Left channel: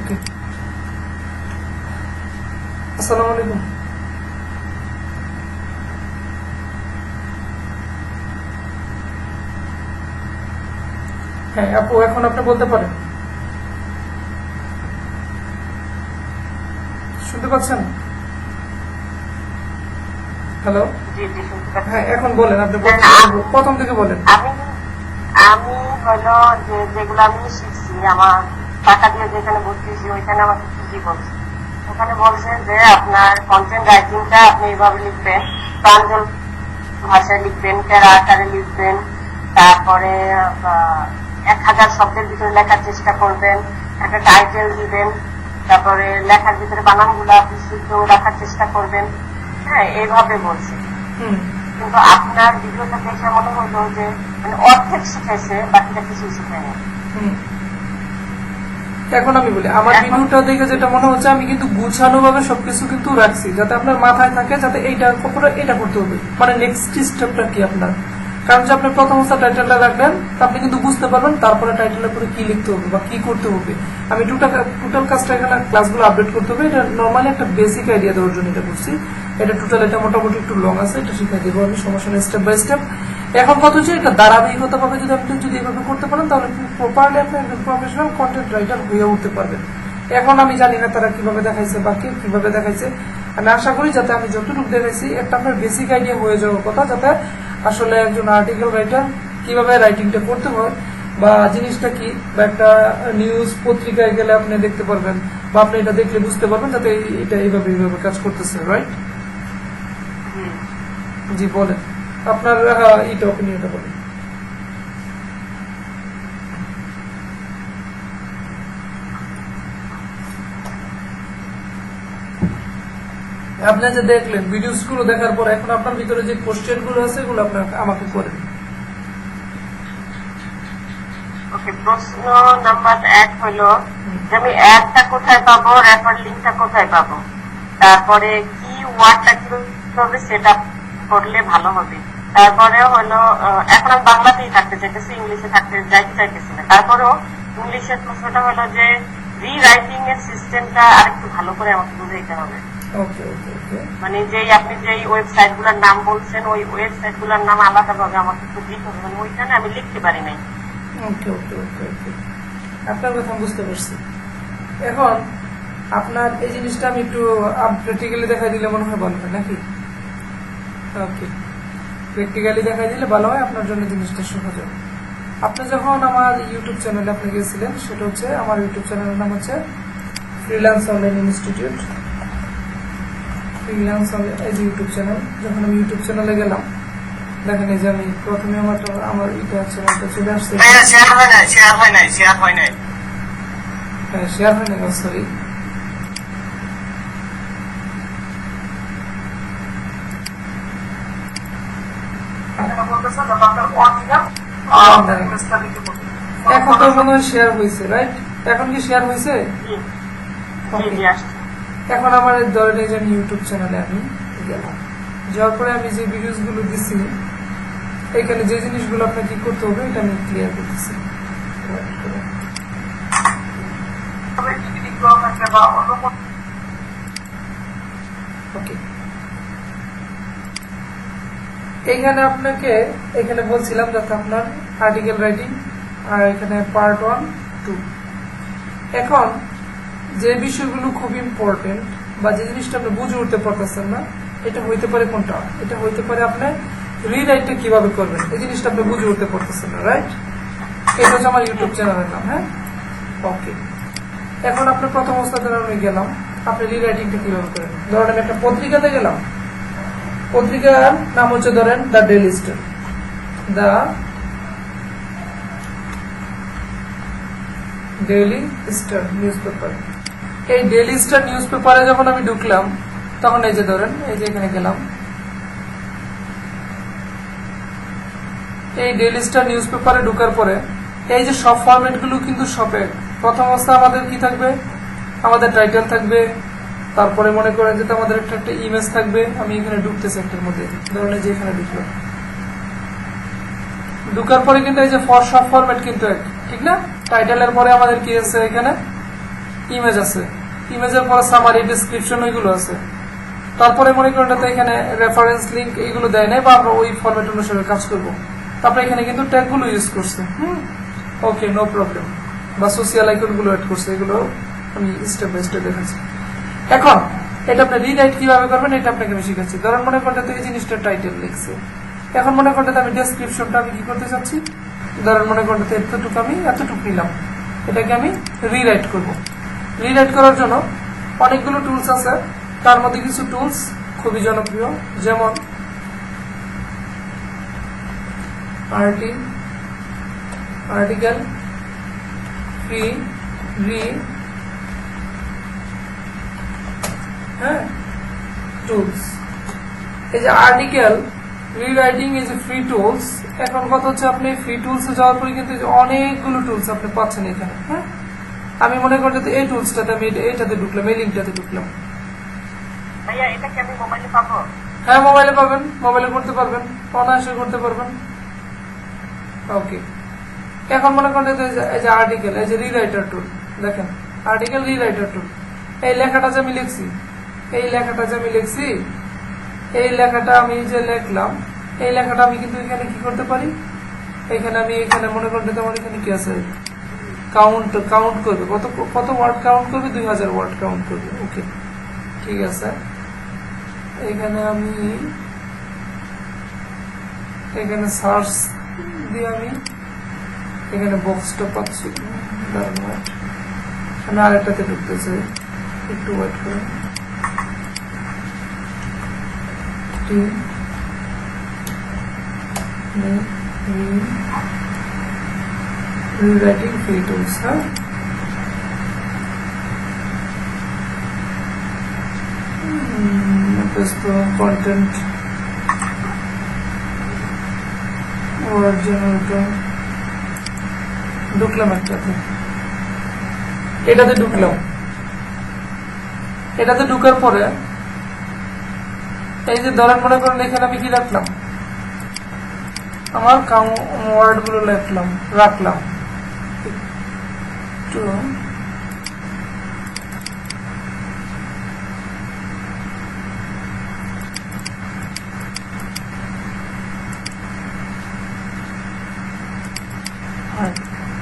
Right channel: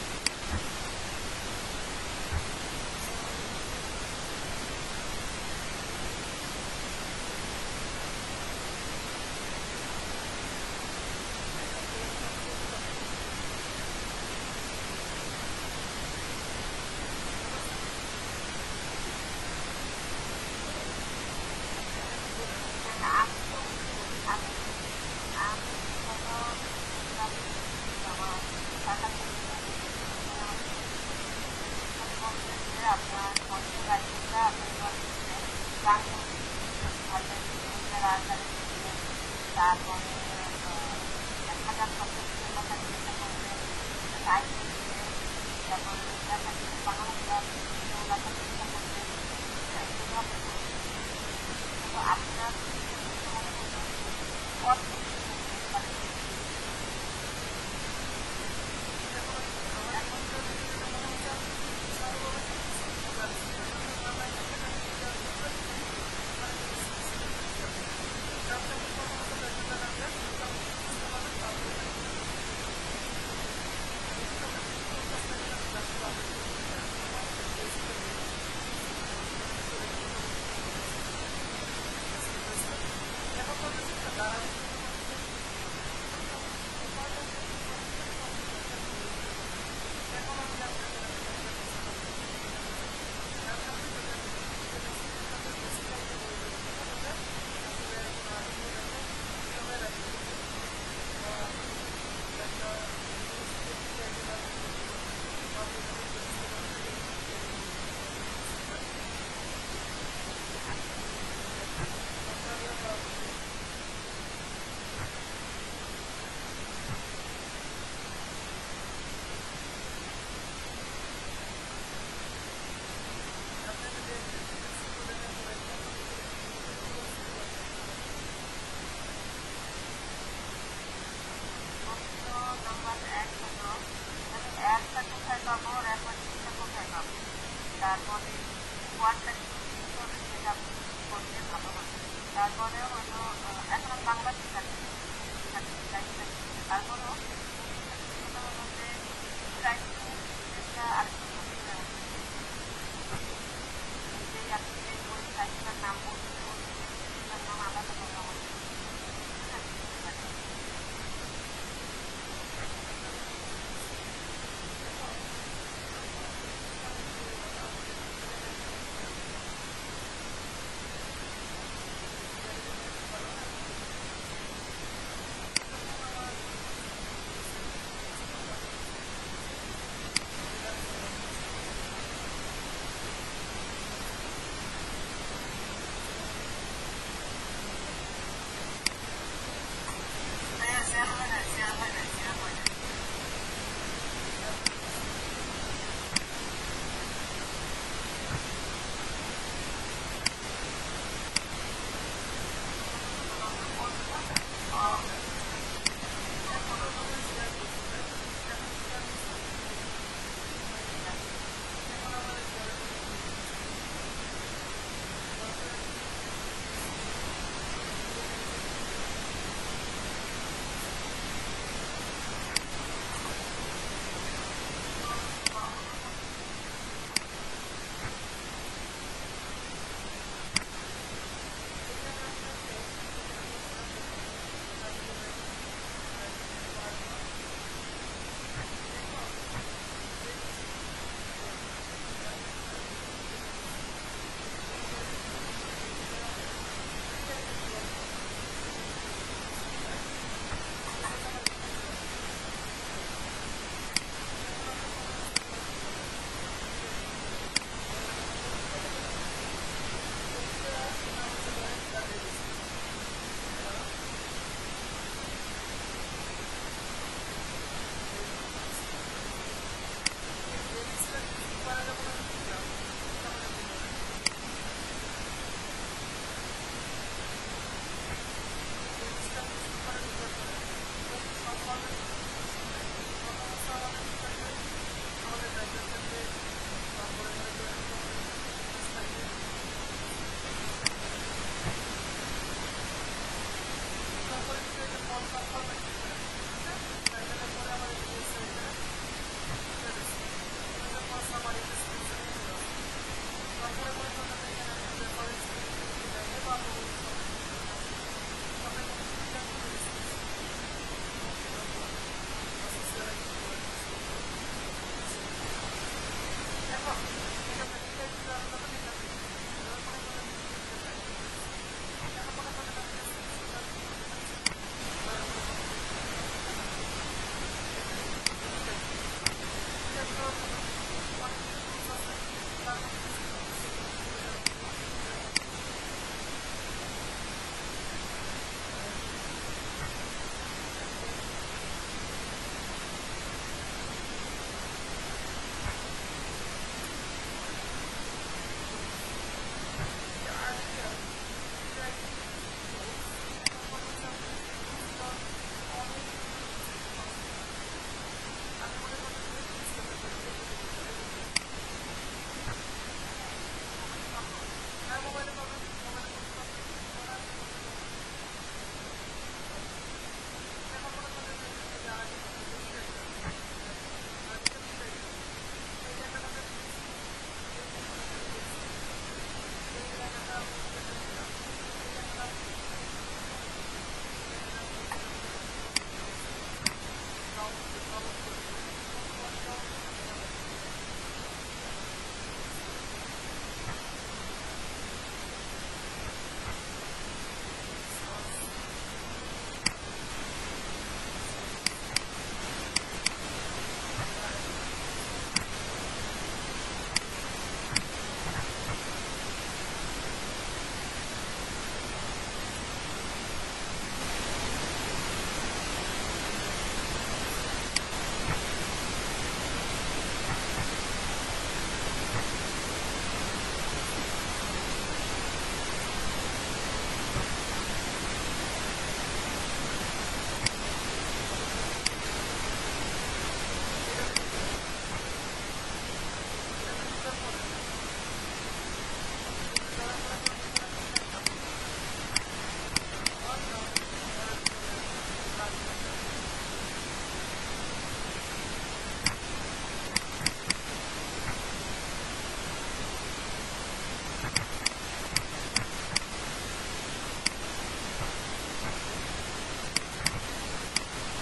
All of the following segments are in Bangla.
ওকে, আসসালামু আলাইকুম। হ্যাঁ আপু, এখন আপনি বলতে পারেন, শুনতে পাচ্ছেন? হ্যালো। জি জি শুনতে পাচ্ছি। হ্যাঁ এখন বলেন, আপনি না প্রথম না থেকে আমি প্রথম থেকে বলেন। আমি আমি হলো যে যেগুলো আমি শিখছি আমার টাকা দিয়ে যেখানে ভর্তি হয়েছি ওইখানে আমাকে কি বলছে, ওখানে বলছে যে আপনার কন্টেন্ট রাইটিংটা আপনি এইভাবে লিখবেন, প্রাঞ্জল ভাষায় লিখবেন, প্যারা আকারে লিখবেন, তারপরে 1000 শব্দের ভিতরে লেখার চেষ্টা করবেন, একটা টাইটেল দিবেন, তারপরে লেখার ভিতরে বানানগুলা বিশুদ্ধ রাখার চেষ্টা করবেন। হ্যাঁ এইভাবে বলছে। হুম। কিন্তু আপনার ভিডিওটা দেখে মনে হলো যে মানে অর্ধেক শিখাইছে, বাকিটা কিছুই শিখায়নি। হুম। এখন আমি বলি, আমার এখন ভিডিওটা দেখে যেটা মনে হচ্ছে, আমি কিন্তু গুছানো ভাবে সবকিছু কিন্তু রাখছি, যাতে আপনার মাথায় থাকে, যাতে এইটার উপরে এটা করতে হবে, মানে নেক্সট স্টেপটা কি আপনার। কারণ যে আপনি প্রথম অবস্থা টাইটেলটা রাখবেন, তা আপনি কিন্তু বুঝতে পারবেন তারপরে টাইটেলের পরে কি লিখতে হবে বা কি করতে হবে। আমি টোটাল কাজটা এখানে ক্লাসগুলো আপডেট করতে হবে, এটা নর্মালি একটা বেসিক আইডিয়া দেওয়ার জন্য এটা করছি। এটা টোটাল, এটা মোটামুটি একটু লং আছে, এটা শিখাই দেবো আমি, সমস্যা নেই, স্টেপ বাই স্টেপ। এখন কথা হচ্ছে, এটা ধারাবাহিকতা ভাবে যদি আপনি যদি এভাবে করতে পারেন, তাহলে প্রপারলি আপনি একজন প্রফেশনাল কন্টেন্ট রাইটার হয়ে উঠতে পারবেন। এখন আমি জানি না তারা কিভাবে দেখাইছে বা কে কিভাবে দেখাইছে, আমি আশা করি যাতে আমি যতটুকু দেখাইছি একটা আপনার বেসিক আইডিয়া হয়ে যাওয়ার কথা, যাতে আসলে একজন আর্টিকেল রাইটার কিভাবে রাইটিংটা করতে হয় বা জিনিসটা কি, বা একটা নিউজ পত্রিকায় গেলে আপনি দেখতে পারবেন বা আপনি এটা দেখলে বুঝতে পারবেন যাতে এটা এইভাবে কাজ করতেছে, রাইট? জি বলেন, আপনার এটা অপিনিয়নটা বলেন। আপনি যে দেখলেন ভিডিওস গুলো দেখার পর, এখন আপনার ভিতরে যে কোশ্চেন গুলো আছে এগুলো আপনার আমাকে করেন। ওকে, প্রশ্ন নাম্বার 1 হলো যে আমি অ্যাডটা কোথায় পাবো, রেফার লিঙ্কটা কোথায় পাবো, তারপরে কি ওয়ার্ডটা কিভাবে সেট আপ করলে ভালো হবে, তারপরে হলো এখন আমি বাংলাতেই থাকতে চাইতেছি, ইংলিশে থাকতে যাইতে চাইতেছি না। তারপরেও ইংলিশের প্রশ্নটা হলো যে রিরাইটিং এর সিস্টেমটা আরেকটু ভালো করে আমাকে বুঝাইতে হবে। ওকে ওকে ওকে মানে আপনি যেই ওয়েবসাইট গুলার নাম বলছেন ওই ওয়েবসাইট গুলার নাম আলাদা ভাবে আমাকে একটু দিতে হবে, মানে ওইখানে আমি লিখতে পারি নাই। ওকে ওকে ওকে ওকে আপনার কথা বুঝতে পারছি। এখন আপনার এই জিনিসটা আমি একটু প্র্যাকটিক্যালি দেখাই দিলে মনে হয় ভালো হয় নাকি? ওকে, প্র্যাকটিক্যালি দেখাই দিলে ভালো হয়, আপনার জন্য জিনিসটা সহজ হবে। আপনি যখন আমার ইউটিউব চ্যানেলে আপনি গিয়েছিলেন, সেটা হচ্ছে আমার ইউটিউব চ্যানেলের নাম হচ্ছে ফ্রিল্যান্স অনলাইন ইনস্টিটিউট। ফ্রিল্যান্স এই যে ইউটিউব চ্যানেল, যখন আমি ইউটিউব চ্যানেলে গেলাম, দেখেন এই যে আমি প্রথমে আমার ইউটিউব চ্যানেলটা চলে আসছে। শেয়ার হয় নাই, হ্যাঁ শেয়ার হয় না, সরি। এখন তো মনে হয় শেয়ার হয়েছে, রাইট? এখন কি শেয়ার হয়েছে? এখন আমার ধরেন এই যে আমি ইউটিউব চ্যানেলে আমি গেলাম, যাওয়ার পরে আমি যে ভিডিওস গুলো দিচ্ছি, এখানে যে জিনিসগুলো আপনার কি করতে হবে এটা আমি ক্লিয়ার করতেছি। ওকে, এইখানে আপনাকে এখানে বলছিলাম যাতে আপনার আর্টিকেল রাইটিং, আর এখানে পার্ট 1, 2। এখন যে বিষয়গুলো খুব ইম্পর্টেন্ট বা যে জিনিসটা আপনি বুঝে উঠতে পারতেছেন না, এটা হইতে পারে কোনটা, এটা হইতে পারে আপনার রিরাইটটা কিভাবে করবেন, এই জিনিসটা আপনি বুঝে উঠতে পারতেছেন না, রাইট? এটা হচ্ছে আমার ইউটিউব চ্যানেলের নাম। হ্যাঁ, ওকে। এখন আপনার প্রথম অবস্থাতে আমি গেলাম, আপনি রিরাইটিংটা কিভাবে করেন। ধরেন আমি একটা পত্রিকাতে গেলাম, পত্রিকার নাম হচ্ছে ধরেন the daily star. The daily star news paper. এই ডেইলি স্টার নিউজ পেপারে যখন আমি ঢুকলাম, তখন এই যে ধরেন এই যে এখানে গেলাম, এই ডেইলি স্টার নিউজ পেপারে ঢোকার পরে এই যে সব ফরম্যাটগুলো কিন্তু সবে প্রথম অবস্থা আমাদের কি থাকবে, আমাদের টাইটেল থাকবে, তারপরে মনে করেন যে আমাদের একটা ইমেজ থাকবে। আমি এখানে ঢুকতেছি একটার মধ্যে, ধরেন এই যে এখানে ঢুকলাম, ঢুকার পরে কিন্তু এই যে সব ফরম্যাট কিন্তু এক, ঠিক না? টাইটেলের পরে আমাদের কি আছে এখানে ইমেজ আছে, ইমেজের পরে সামারি, ডেসক্রিপশন ওইগুলো আছে। তারপরে মনে করেন তো এখানে রেফারেন্স লিঙ্ক এইগুলো দেয় নাই, বা আমরা ওই ফরম্যাট অনুসারে কাজ করব। তারপরে এখানে কিন্তু ট্যাগগুলো ইউজ করছে। ওকে, নো প্রবলেম। বা সোশিয়াল আইকনগুলো অ্যাড করছে, এগুলো আমি স্টেপ বাই স্টেপ দেখাচ্ছি। এখন এটা আপনি রিরাইট কিভাবে করবেন এটা আপনাকে আমি শিখাচ্ছি। ধরেন মনে করতে এই জিনিসটা টাইটেল লিখছে, এখন মনে করতে আমি ডেসক্রিপশনটা আমি কি করতে চাচ্ছি, ধরেন মনে করতে এতটুকু নিলাম, এটাকে আমি রিরাইট করব। রিরাইট করার জন্য অনেকগুলো টুলস আছে, তার মধ্যে কিছু টুলস খুবই জনপ্রিয়, যেমন আর্টিকেল ফ্রি টুলস। এই যে আর্টিকেল রিরাইটিং এই যে ফ্রি টুলস, এখন কথা হচ্ছে আপনি ফ্রি টুলসে যাওয়ার পরে কিন্তু অনেকগুলো টুলস আপনি পাচ্ছেন এখানে। হ্যাঁ, আমি মনে করি যে এই টুলসটাতে আমি এইটাতে ঢুকলাম, এই লিঙ্কটাতে ঢুকলাম। ভাইয়া এটা কি আমি মোবাইলে পাবো? হ্যাঁ, মোবাইলে পাবেন, মোবাইলে করতে পারবেন, অনায়াসে করতে পারবেন। ওকে, এখন মনে করেন এই যে আর্টিকেল, এই যে রিরাইটার টুল, দেখেন আর্টিকেল রিরাইটার টুল। এই লেখাটা যে আমি লিখছি, এই লেখাটা আমি যে লিখলাম, এই লেখাটা আমি কিন্তু এখানে কি করতে পারি, এখানে মনে করতে আমার এখানে কি আছে, কাউন্ট করবে, কত ওয়ার্ড কাউন্ট করবে, 2000 ওয়ার্ড কাউন্ট করবে। ওকে, ঠিক আছে। এখানে আমি সার্চ দিয়ে আমি এখানে বক্সটা পাচ্ছি, আমি আরেকটাতে ঢুকতে চাই, একটু ওয়েট করে। Rewriting free tools, huh? Content or generator. ঢুকলাম একটাতে, এটাতে ঢুকার পরে এই যে ধরেন মনে করেন এখানে আমি কি রাখলাম, আমার ওয়ার্ড গুলো রাখলাম একটু।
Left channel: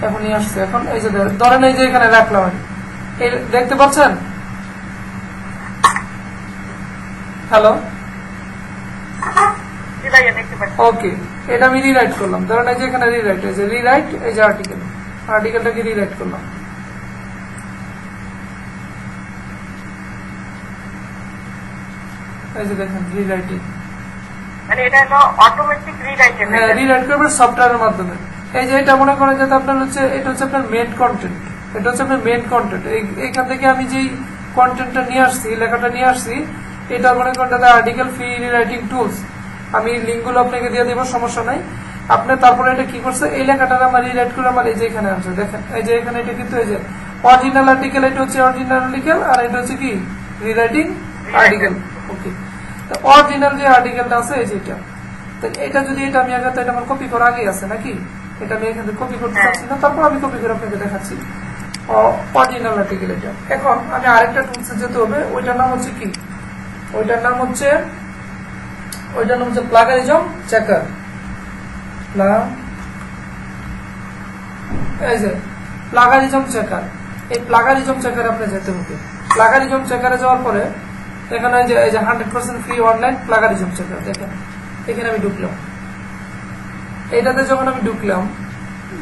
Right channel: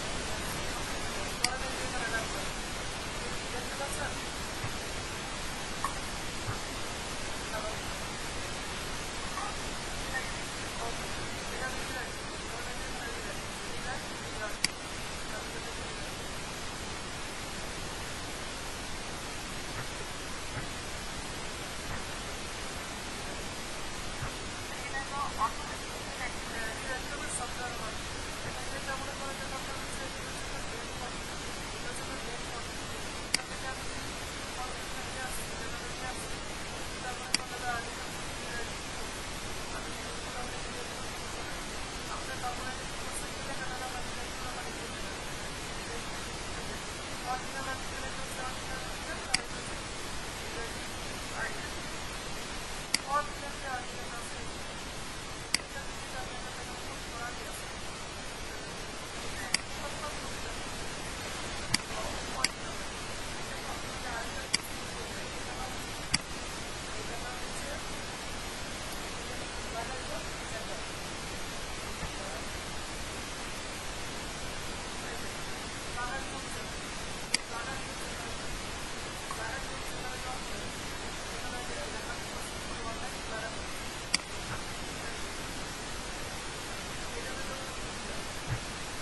এখনই আসছে। এখন এই যে ধরেন এই যে এখানে রাখলাম, এই দেখতে পাচ্ছেন, হ্যালো, ওকে, এটা আমি রিরাইট করলাম। ধরেন এই যে এখানে রিরাইট, এই যে আর্টিকেলটাকে রিরাইট করলাম। এই যে দেখেন রিরাইটিং, মানে এটা হলো অটোমেটিক রিরাইটিং। হ্যাঁ, রিরাইট করবে সফটওয়্যারের মাধ্যমে। এই যে এটা মনে করেন যে আপনার হচ্ছে, এটা হচ্ছে আপনার মেইন কন্টেন্ট, এইখান থেকে আমি যেই কন্টেন্টটা নিয়ে আসছি, লেখাটা নিয়ে আসছি, এটা মনে করেন আর্টিকেল ফ্রি রিরাইটিং টুলস। আমি লিঙ্কগুলো আপনাকে দিয়ে দেবো, সমস্যা নাই। আপনি তারপরে এটা কি করছে, এই লেখাটা আমার রিরাইট করে আমার এই যে এখানে আছে, দেখেন এই যে এখানে এটা কিন্তু এই যে অরিজিনাল আর্টিকেল, এটা হচ্ছে অরিজিনাল আর্টিকেল, আর এটা হচ্ছে কি রিরাইটিং আর্টিকেল। ওকে, তো অরিজিনাল যে আর্টিকেলটা আছে এই যেটা, এটা যদি এটা আমি আগে, এটা আমার কপি করা আগে আছে নাকি, এটা আমি এখানে কপি করতে চাচ্ছি না, তারপর আমি কপি করে আপনাকে দেখাচ্ছি অরিজিনাল আর্টিকেল এটা। এখন আমি আরেকটা টুলসে যেতে হবে, ওইটার নাম হচ্ছে কি, ওইটার নাম হচ্ছে প্লাগারিজম চেকার। এই যে প্লাগারিজম চেকার, এই প্লাগারিজম চেকারে আপনি যেতে হবে। প্লাগারিজম চেকারে যাওয়ার পরে এখানে এই যে 100% ফ্রি অনলাইন প্লাগারিজম চেকার, দেখেন এখানে আমি ঢুকলাম। এইটাতে যখন আমি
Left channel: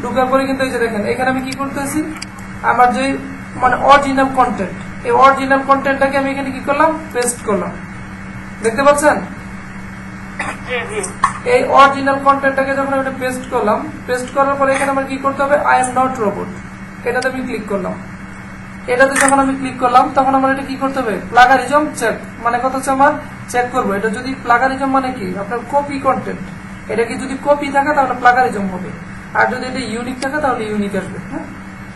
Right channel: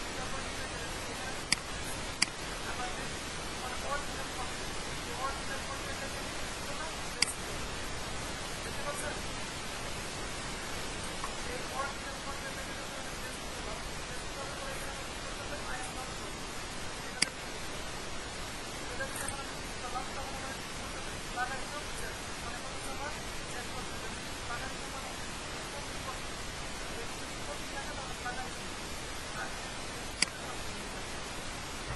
ঢুকার পরে কিন্তু এই যে দেখেন এখানে আমি কি করতেছি, আমার যে মানে অরিজিনাল কন্টেন্ট, এই অরিজিনাল কন্টেন্টটাকে আমি এখানে কি করলাম, পেস্ট করলাম। দেখতে পাচ্ছেন, এই অরিজিনাল কন্টেন্টটাকে যখন আমি পেস্ট করলাম, পেস্ট করার পরে এখানে আমার কি করতে হবে, আই এম নট রোবট, এটাতে আমি ক্লিক করলাম। এটাতে যখন আমি ক্লিক করলাম তখন আমার এটা কি করতে হবে, প্লাগারিজম চেক, মানে কথা হচ্ছে আমার চেক করবো এটা যদি প্লাগারিজম মানে কি, আপনার কপি কন্টেন্ট, এটা কি যদি কপি থাকে তাহলে প্লাগারিজম হবে, আর যদি এটা ইউনিক থাকে তাহলে ইউনিক আসবে। হ্যাঁ,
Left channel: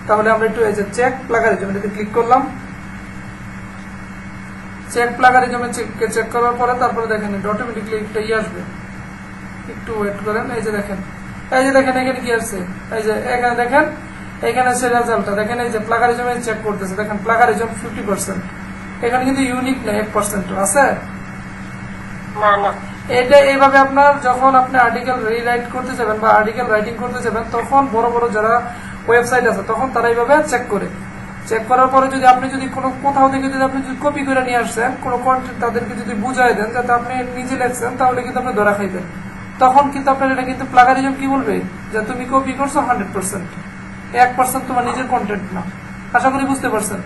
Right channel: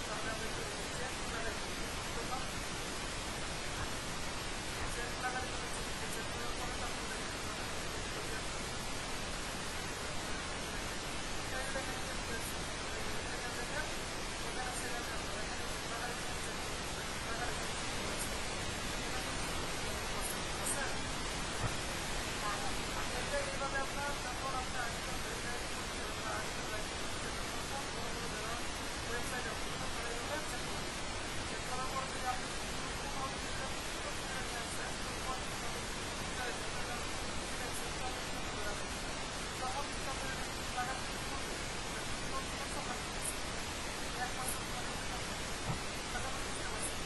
তাহলে আমরা একটু এই যে চেক প্লাগারিজম, এটাতে ক্লিক করলাম। চেক প্লাগারিজমে চেক করার পরে তারপরে দেখেন এটা অটোমেটিকলি একটা আসবে, একটু ওয়েট করেন। এই যে দেখেন এখানে কি আসছে, এই যে এখানে দেখেন এখানে আছে রেজাল্টটা দেখেন, এই যে প্লাগারিজমে চেক করতেছে, দেখেন প্লাগারিজম 50%, এখানে কিন্তু ইউনিক নেই 1% আছে। না না এটা এইভাবে আপনার যখন আপনি আর্টিকেল রিরাইট করতে যাবেন বা আর্টিকেল রাইটিং করতে যাবেন, তখন বড় বড় যারা ওয়েবসাইট আছে তখন তারা এইভাবে চেক করে, চেক করার পরে যদি আপনি যদি কোনো কোথাও থেকে যদি আপনি যদি কপি করে নিয়ে আসছেন কোনো কন্টেন্ট তাদেরকে যদি বুঝাই দেন যাতে আপনি নিজে লেখছেন, তাহলে কিন্তু আপনি ধরা খাইবেন। তখন কিন্তু আপনার এটা কিন্তু প্লাগারিজম কি বলবে যে তুমি কপি করছো 100%, 1% তোমার নিজের কন্টেন্ট না। আশা করি বুঝতে পারছেন।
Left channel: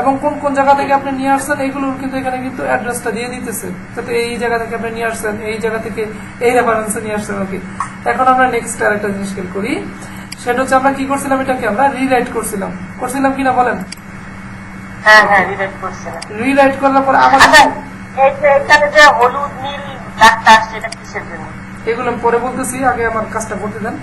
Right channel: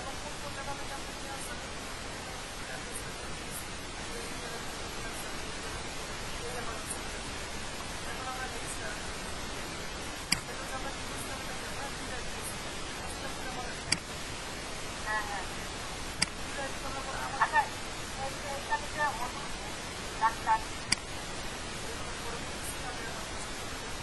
এবং কোন কোন জায়গা থেকে আপনি নিয়ে আসছেন এইগুলোর কিন্তু এখানে কিন্তু অ্যাড্রেসটা দিয়ে দিতেছে, যাতে এই জায়গা থেকে আপনি নিয়ে আসছেন, এই জায়গা থেকে এই রেফারেন্সে নিয়ে আসছেন। ওকে, এখন আমরা নেক্সট আরেকটা জিনিস খেয়াল করি, সেটা হচ্ছে আমরা কি করছিলাম, এটাকে আমরা রিরাইট করছিলাম, করছিলাম কিনা বলেন? হ্যাঁ হ্যাঁ রিলেট করছে না। রিরাইট করার পর আমাদের এই যে এখানে যে হলুদ নীল দাগটা আসছে এটা কিসের জন্য? এগুলো পরে বলতেছি, আগে আমার কাজটা করতে দেন।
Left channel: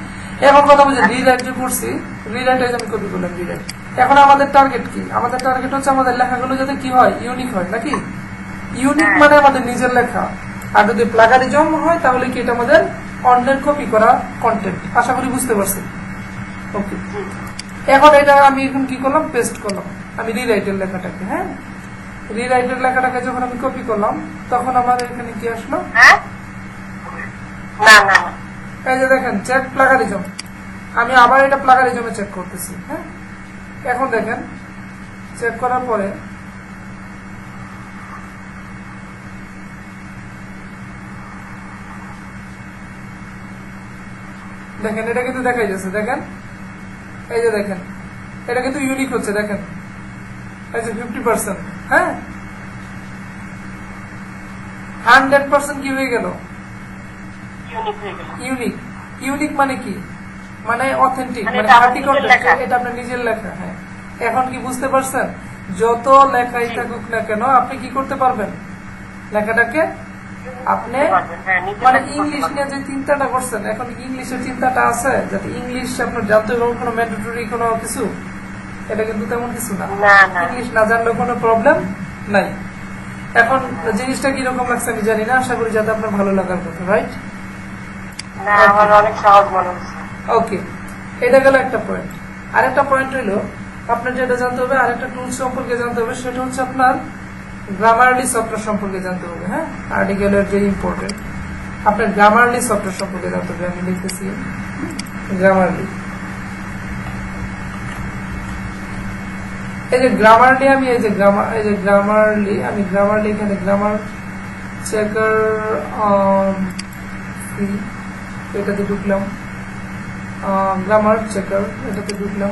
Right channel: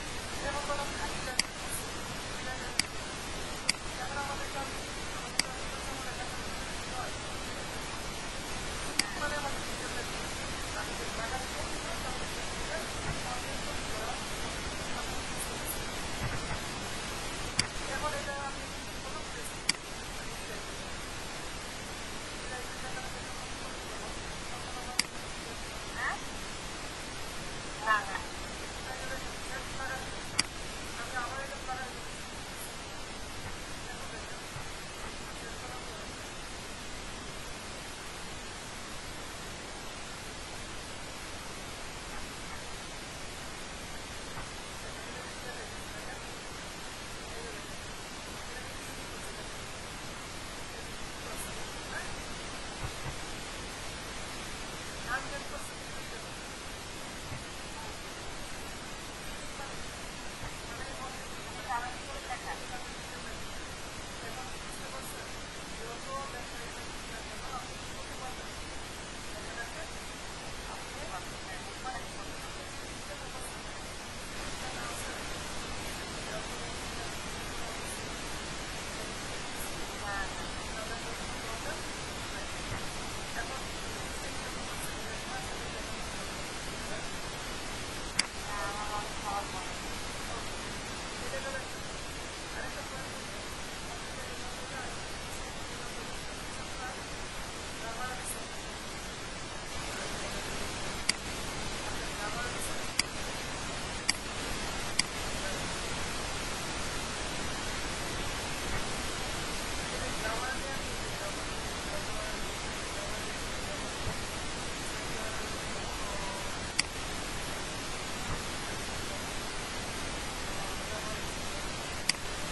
এখন কথা বলছি রিরাইট যে করছি, রিরাইট আমি কপি করলাম রিরাইট। এখন আমাদের টার্গেট কি? আমাদের টার্গেট হচ্ছে আমাদের লেখাগুলো যাতে কি হয়, ইউনিক হয় নাকি? ইউনিক মানে আমাদের নিজের লেখা। আর যদি প্লাগারিজম হয় তাহলে কি এটা আমাদের অন্যের কপি করা কন্টেন্ট। আশা করি বুঝতে পারছি। ওকে, এখন এটা আমি এখন কি করলাম, পেস্ট করলাম আমি রিরাইটের লেখাটাকে। হ্যাঁ, রিরাইটের লেখাটাকে যখন আমি কপি করলাম তখন আমার এখানে কি আসলো, হ্যাঁ না না না এই যে দেখেন চেক প্লাগারিজম। আমি আবার এটা প্লাগারিজমে চেক করতেছি। হ্যাঁ, এখন দেখেন চেক করার পরে দেখেন এটা কিন্তু দেখাই যাচ্ছে, দেখেন এই যে দেখেন এটা কিন্তু ইউনিক হচ্ছে, দেখেন এই যে 50%। হ্যাঁ, 100% কি হয়ে গেল, ইউনিক হয়ে গেল। ইউনিক। ইউনিক মানে কি, মানে অথেন্টিক, মানে মানে এটা আমার খাঁটি নিজের কন্টেন্ট, লেখা। এটা আপনার নিজের লেখা। হ্যাঁ, এখন কি বুঝতে পারছেন? যত লেখাই থাকুক না কেন আপনি কি করতে পারবেন, লেখাটাকে আপনি হ্যাঁ, নিজের মানে মতো করতে ইংলিশ পারবেন। নিয়ে যে চিন্তাটা করছেন, এখন ইংলিশের চিন্তাটা আছে যাতে ইংলিশ আপনার জানতে হবে কোনো ম্যান্ডেটরি কোনো কিছু, এটা কিন্তু তেমন কিছু না। না না ইংলিশ না জানলেও কোনো প্রবলেম নাই। এখন জিনিসটা কিরকম লাগছে আমি জানি না, আশা করি যাতে আপনার ভালো লাগার কথা, রাইট? না আমার অনেক সহজ মনে হচ্ছে। ওকে, এটা গেল একটা পয়েন্ট। আরেকটা পয়েন্ট হইলো আপনার যেটা জানতে হবে, আরেকটা টুলস সম্পর্কে জানতে হবে, সেটা হচ্ছে আপনার গ্রামারলি সফটওয়্যার সম্পর্কে জানতে হবে। হ্যাঁ, আর্টিকেলের যে ইম্পর্টেন্ট আপনার গ্রামারলি সফটওয়্যার সম্পর্কে জানতে হবে। আমি লিখতেছি গ্রামারলি। এই যে গ্রামারলি আমি এই যে গ্রামারলি আমি গ্রামারলি এখানে গ্রামার চেকার এটাতে ঢুকলাম, গ্রামার চেকার এটাতে ঢুকলাম,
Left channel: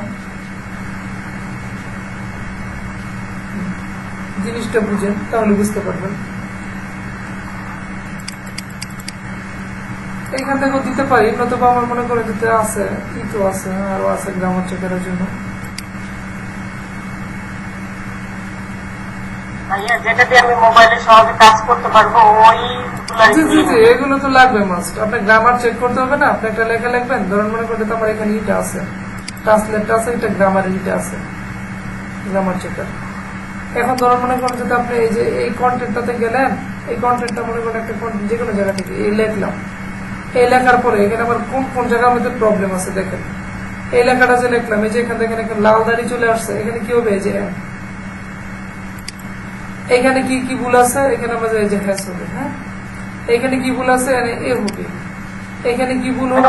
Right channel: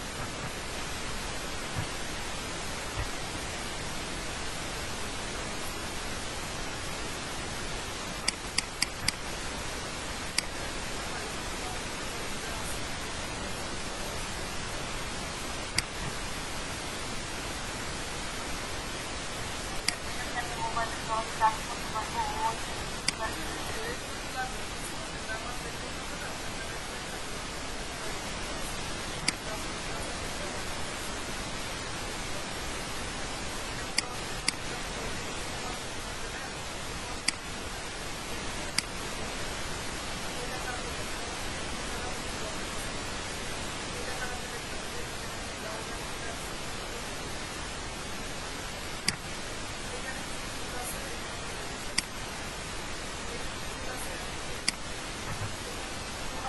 জিনিসটা বুঝেন তাহলে বুঝতে পারবেন। এইখান থেকেও দিতে পারি, নতুবা আমার মনে করে দিতে আছে, কি তো আছে, আরো আছে গ্রামার চেকারের জন্য। ভাইয়া যেটা দিয়ে আমি মোবাইলে সহজে কাজ করতে পারবো জি জি জি, এগুলো তো লাগবে মাস্ট। আপনি গ্রামার চেক করতে হবে না, আপনি একটা লেখা লিখবেন, ধরুন মনে করতে আমার এখানে ইটা আছে, ট্রান্সলেটটা আছে, এটা গ্রামারের ইটা আছে, গ্রামার চেকার। এখন ধরুন মনে করেন যদি আপনি এই যে এই কন্টেন্টটাতে গেলেন, এই কন্টেন্টটা মনে করেন একটা কন্টেন্ট যে কোনো জায়গা থেকে এই লিখলাম, এই লেখার পরে এখানে আবার কোন কোন জায়গার মধ্যে প্রবলেম আছে দেখেন। এই লেখাটা যে লিখলাম, এই যে এখান থেকে এখানে লাল দাড়ি চলে আসছে, এখানে কি হবে, এই যে এখানে কি কি ভুল আছে, এখানে আমাদের এই যে হ্যাশ হবে। হ্যাঁ, এখানে কি ভুল আছে, এ হবে, এখানে কি ভুল হবে,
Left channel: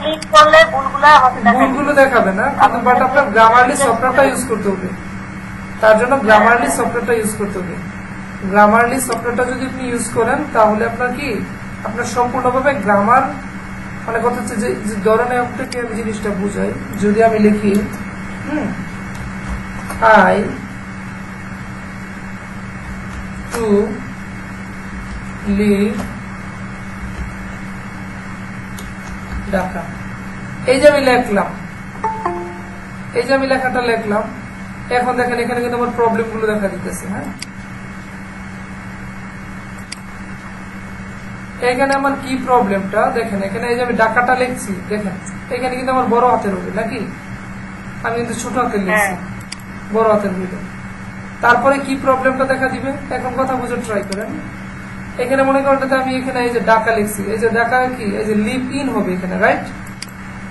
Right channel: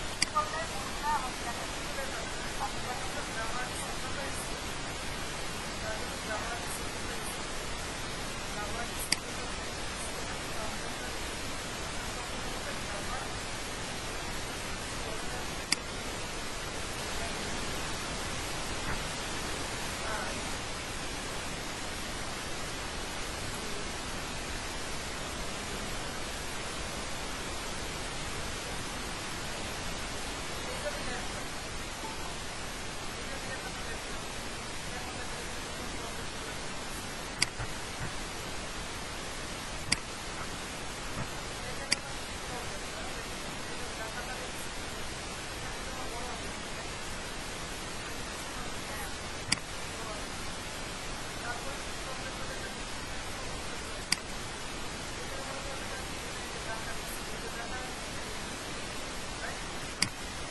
ক্লিক করলে ভুলগুলো আমাকে দেখাবে। ভুলগুলো দেখাবে না, কিন্তু বাট আপনার গ্রামারলি সফটওয়্যারটা ইউজ করতে হবে। তার জন্য গ্রামারলি সফটওয়্যারটা ইউজ করতে হবে। গ্রামারলি সফটওয়্যারটা যদি আপনি ইউজ করেন তাহলে আপনার কি, আপনার সম্পূর্ণভাবে গ্রামার মানে কথা হচ্ছে যে ধরনের আপনাকে আমি জিনিসটা বুঝাই। যদি আমি লিখি আই টু লিভ ঢাকা, এই যে আমি লিখলাম, এই যে আমি লেখাটা লিখলাম, এখন দেখেন এখানে কিন্তু আমার প্রবলেম গুলো দেখা দিতেছে। হ্যাঁ, এখানে আমার কি প্রবলেমটা দেখেন, এখানে এই যে আমি ঢাকাটা লিখছি, দেখেন এখানে কিন্তু আমার বড় হাতের হবে নাকি, আমি কিন্তু ছোট হাতের লিখছি, বড় হাতের দিবে। তারপরে কি প্রবলেমটা দেখা দিবে, এখন কথা বুঝে ট্রাই করেন। এখানে মনে করেন আমি এখানে এই যে ঢাকা লিখছি, এই যে ঢাকা কি, এই যে লিভ ইন হবে এখানে, রাইট?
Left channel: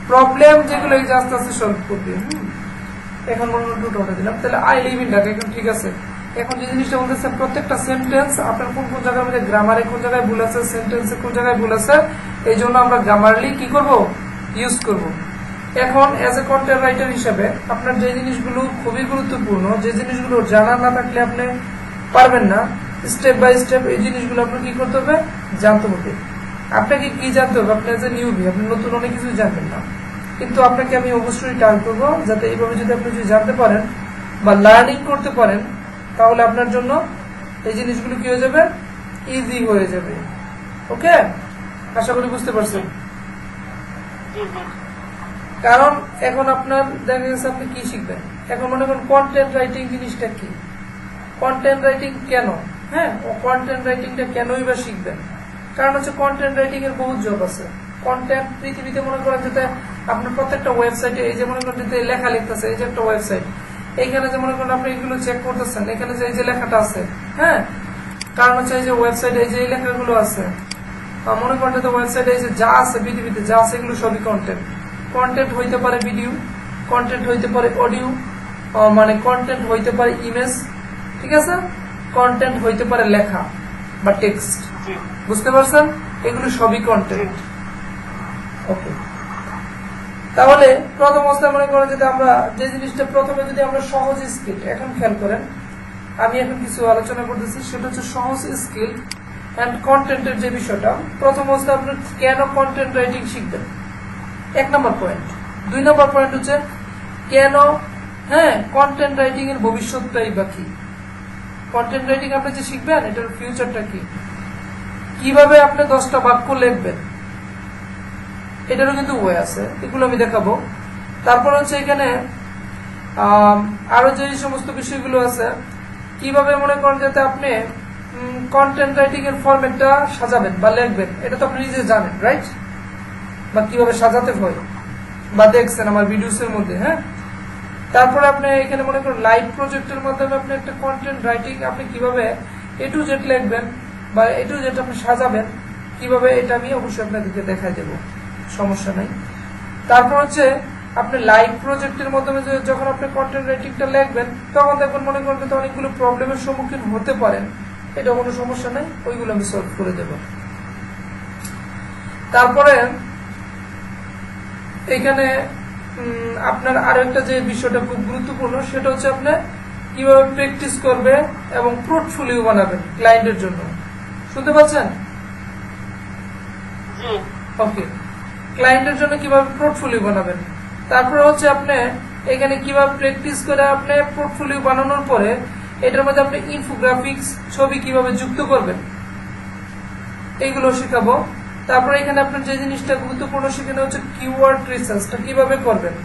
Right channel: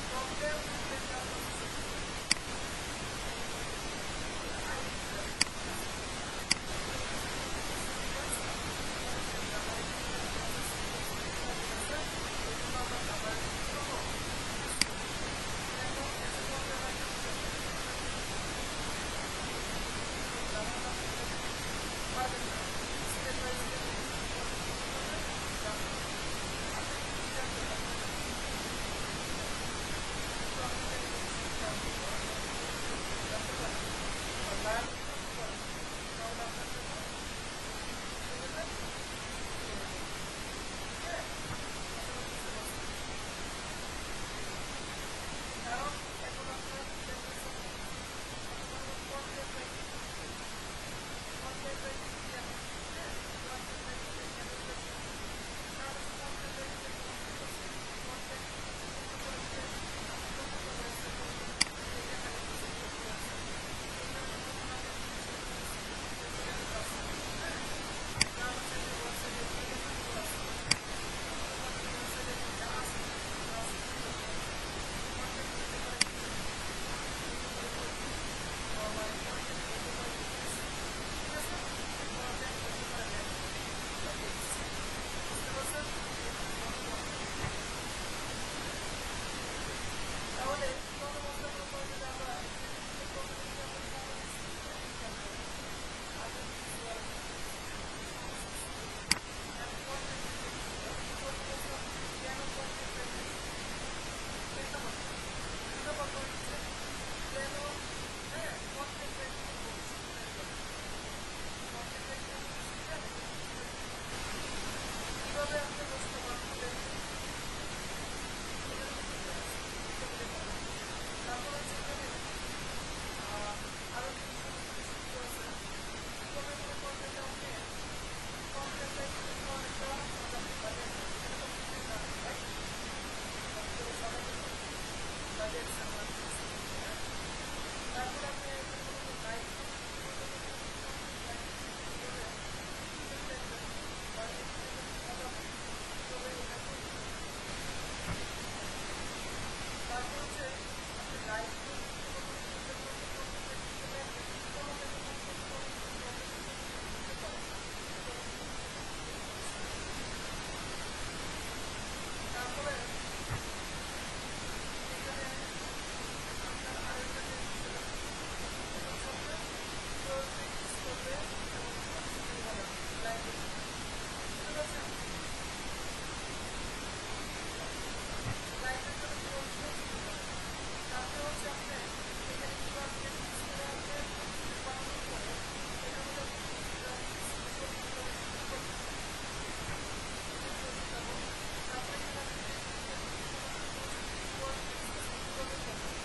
প্রবলেম যেগুলো এই যে আস্তে আস্তে সলভ করবে। এখন মনে হয় দুটো দিলাম, তাহলে আই লিভ ইন ঢাকা, এখন ঠিক আছে। এখন যে জিনিসটা বলতেছে প্রত্যেকটা সেন্টেন্স আপনার কোন কোন জায়গায় মধ্যে গ্রামারে কোন জায়গায় ভুল আছে, সেন্টেন্সে কোন জায়গায় ভুল আছে, এই জন্য আমরা গ্রামারলি কি করব, ইউজ করব। এখন অ্যাজ এ কন্টেন্ট রাইটার হিসেবে আপনার যে জিনিসগুলো খুবই গুরুত্বপূর্ণ, যে জিনিসগুলো জানা না থাকলে আপনি পারবেন না, স্টেপ বাই স্টেপ এই জিনিসগুলো আপনার কি করতে হবে, জানতে হবে। আপনাকে কি জানতে হবে, আপনি এজ এ নিউবি, আপনি নতুন অনেক কিছু জানবেন না, কিন্তু আপনাকে আমি অবশ্যই টার্ন করবো যাতে এইভাবে যদি আপনি যদি জানতে পারেন বা লার্নিং করতে পারেন, তাহলে আপনার জন্য এই জিনিসগুলো কি হয়ে যাবে, ইজি হয়ে যাবে। ওকে, আশা করি বুঝতে পারছেন। কারণ এখন আপনার দেখা গেছে আপনি কি শিখবেন, এখন মনে করেন কন্টেন্ট রাইটিং জিনিসটা কি, কন্টেন্ট রাইটিং কেন, হ্যাঁ কন্টেন্ট রাইটিংটা কেনই বা শিখবেন, কারণ হচ্ছে কন্টেন্ট রাইটিং এর বহুত জব আছে। কন্টেন্ট পৃথিবীতে মনে করেন যেটা আপনার প্রত্যেকটা ওয়েবসাইটে, এই যে মনে করেন যে লেখা লিখতেছে, এই যে একটা ওয়েবসাইট, এইখানে যে মনে করেন আপনি এগুলো চেক করতেছেন, এখানে যে এই যে লেখাটা আছে, হ্যাঁ কারণ হচ্ছে এই যে ওয়েবসাইটে এই যে এই লেখাগুলো আছে, মনে করেন যে ওয়েবসাইটে এই যে যা আছে পৃথিবীতে যা আছে এগুলো সবই কন্টেন্ট। কন্টেন্ট হইতে পারে ভিডিও, কন্টেন্ট হইতে পারে অডিও, মানে কন্টেন্ট হইতে পারে ইমেজ, ঠিক আছে, কন্টেন্ট হইতে পারে লেখা বা টেক্সট, বুঝতে পারছেন, এগুলো সবই কন্টেন্ট। ওকে, তাহলে প্রথম অবস্থায় মনে করেন যদি আমরা যে জিনিসটা প্রথমে যদি আমরা সহজ স্কিল, এখন খেয়াল করেন আমি এখন কিছু আলোচনা করতেছি, সেটা হচ্ছে সহজ স্কিল অ্যান্ড কন্টেন্টের যে বিষয়টা। প্রথম অবস্থায় আপনি কেন কন্টেন্ট রাইটিং শিখবেন, 1 নম্বর পয়েন্ট। 2 নম্বর পয়েন্ট হচ্ছে কেন, হ্যাঁ কন্টেন্ট রাইটিং এর ভবিষ্যৎটাই বা কি, কন্টেন্ট রাইটিং আপনি যে শিখবেন এটার ফিউচারটা কি, কিভাবে আপনি 10টা বাক্য লিখবেন, এটারও কিন্তু ওয়ে আছে, এগুলো আমি দেখাবো। তারপর হচ্ছে এখানে আরো যে সমস্ত বিষয়গুলো আছে, কিভাবে মনে করেন যাতে আপনি কন্টেন্ট রাইটিং এর ফরম্যাটটা সাজাবেন বা লিখবেন, এটা তো আপনি নিজে জানেন, রাইট, বা কিভাবে সাজাতে হয় বা দেখছেন আমার ভিডিওসের মধ্যে, হ্যাঁ। তারপরে আপনি এখানে মনে করেন লাইভ প্রজেক্টের মাধ্যমে আপনি একটা কন্টেন্ট রাইটিং আপনি কিভাবে এ টু জেড লিখবেন বা এ টু জেড আপনি সাজাবেন কিভাবে, এটা আমি অবশ্যই আপনাদেরকে দেখাই দেব, সমস্যা নেই। তারপর হচ্ছে আপনি লাইভ প্রজেক্টের মাধ্যমে যখন আপনি কন্টেন্ট রাইটিংটা লিখবেন, তখন দেখবেন মনে করবেন তো অনেকগুলো প্রবলেমের সম্মুখীন হতে পারেন, এটা কোনো সমস্যা নেই, ওইগুলো আমি সলভ করে দেব। তারপরে এখানে আপনার আরো একটা যে বিষয়টা খুব গুরুত্বপূর্ণ, সেটা হচ্ছে আপনি কিভাবে প্র্যাকটিস করবে এবং পোর্টফোলিও বানাবেন ক্লায়েন্টের জন্য, শুনতে পাচ্ছেন? ওকে, ক্লায়েন্টের জন্য কিভাবে পোর্টফোলিও বানাবেন, তারপরে হচ্ছে আপনি এখানে কিভাবে প্র্যাকটিস করে আপনি পোর্টফোলিও বানানোর পরে এটার মধ্যে আপনি ইনফোগ্রাফিক্স ছবি কিভাবে যুক্ত করবেন, এইগুলো শেখাবো। তারপরে এখানে আপনার যে জিনিসটা গুরুত্বপূর্ণ সেখানে হচ্ছে কিওয়ার্ড রিসার্চটা কিভাবে করবেন,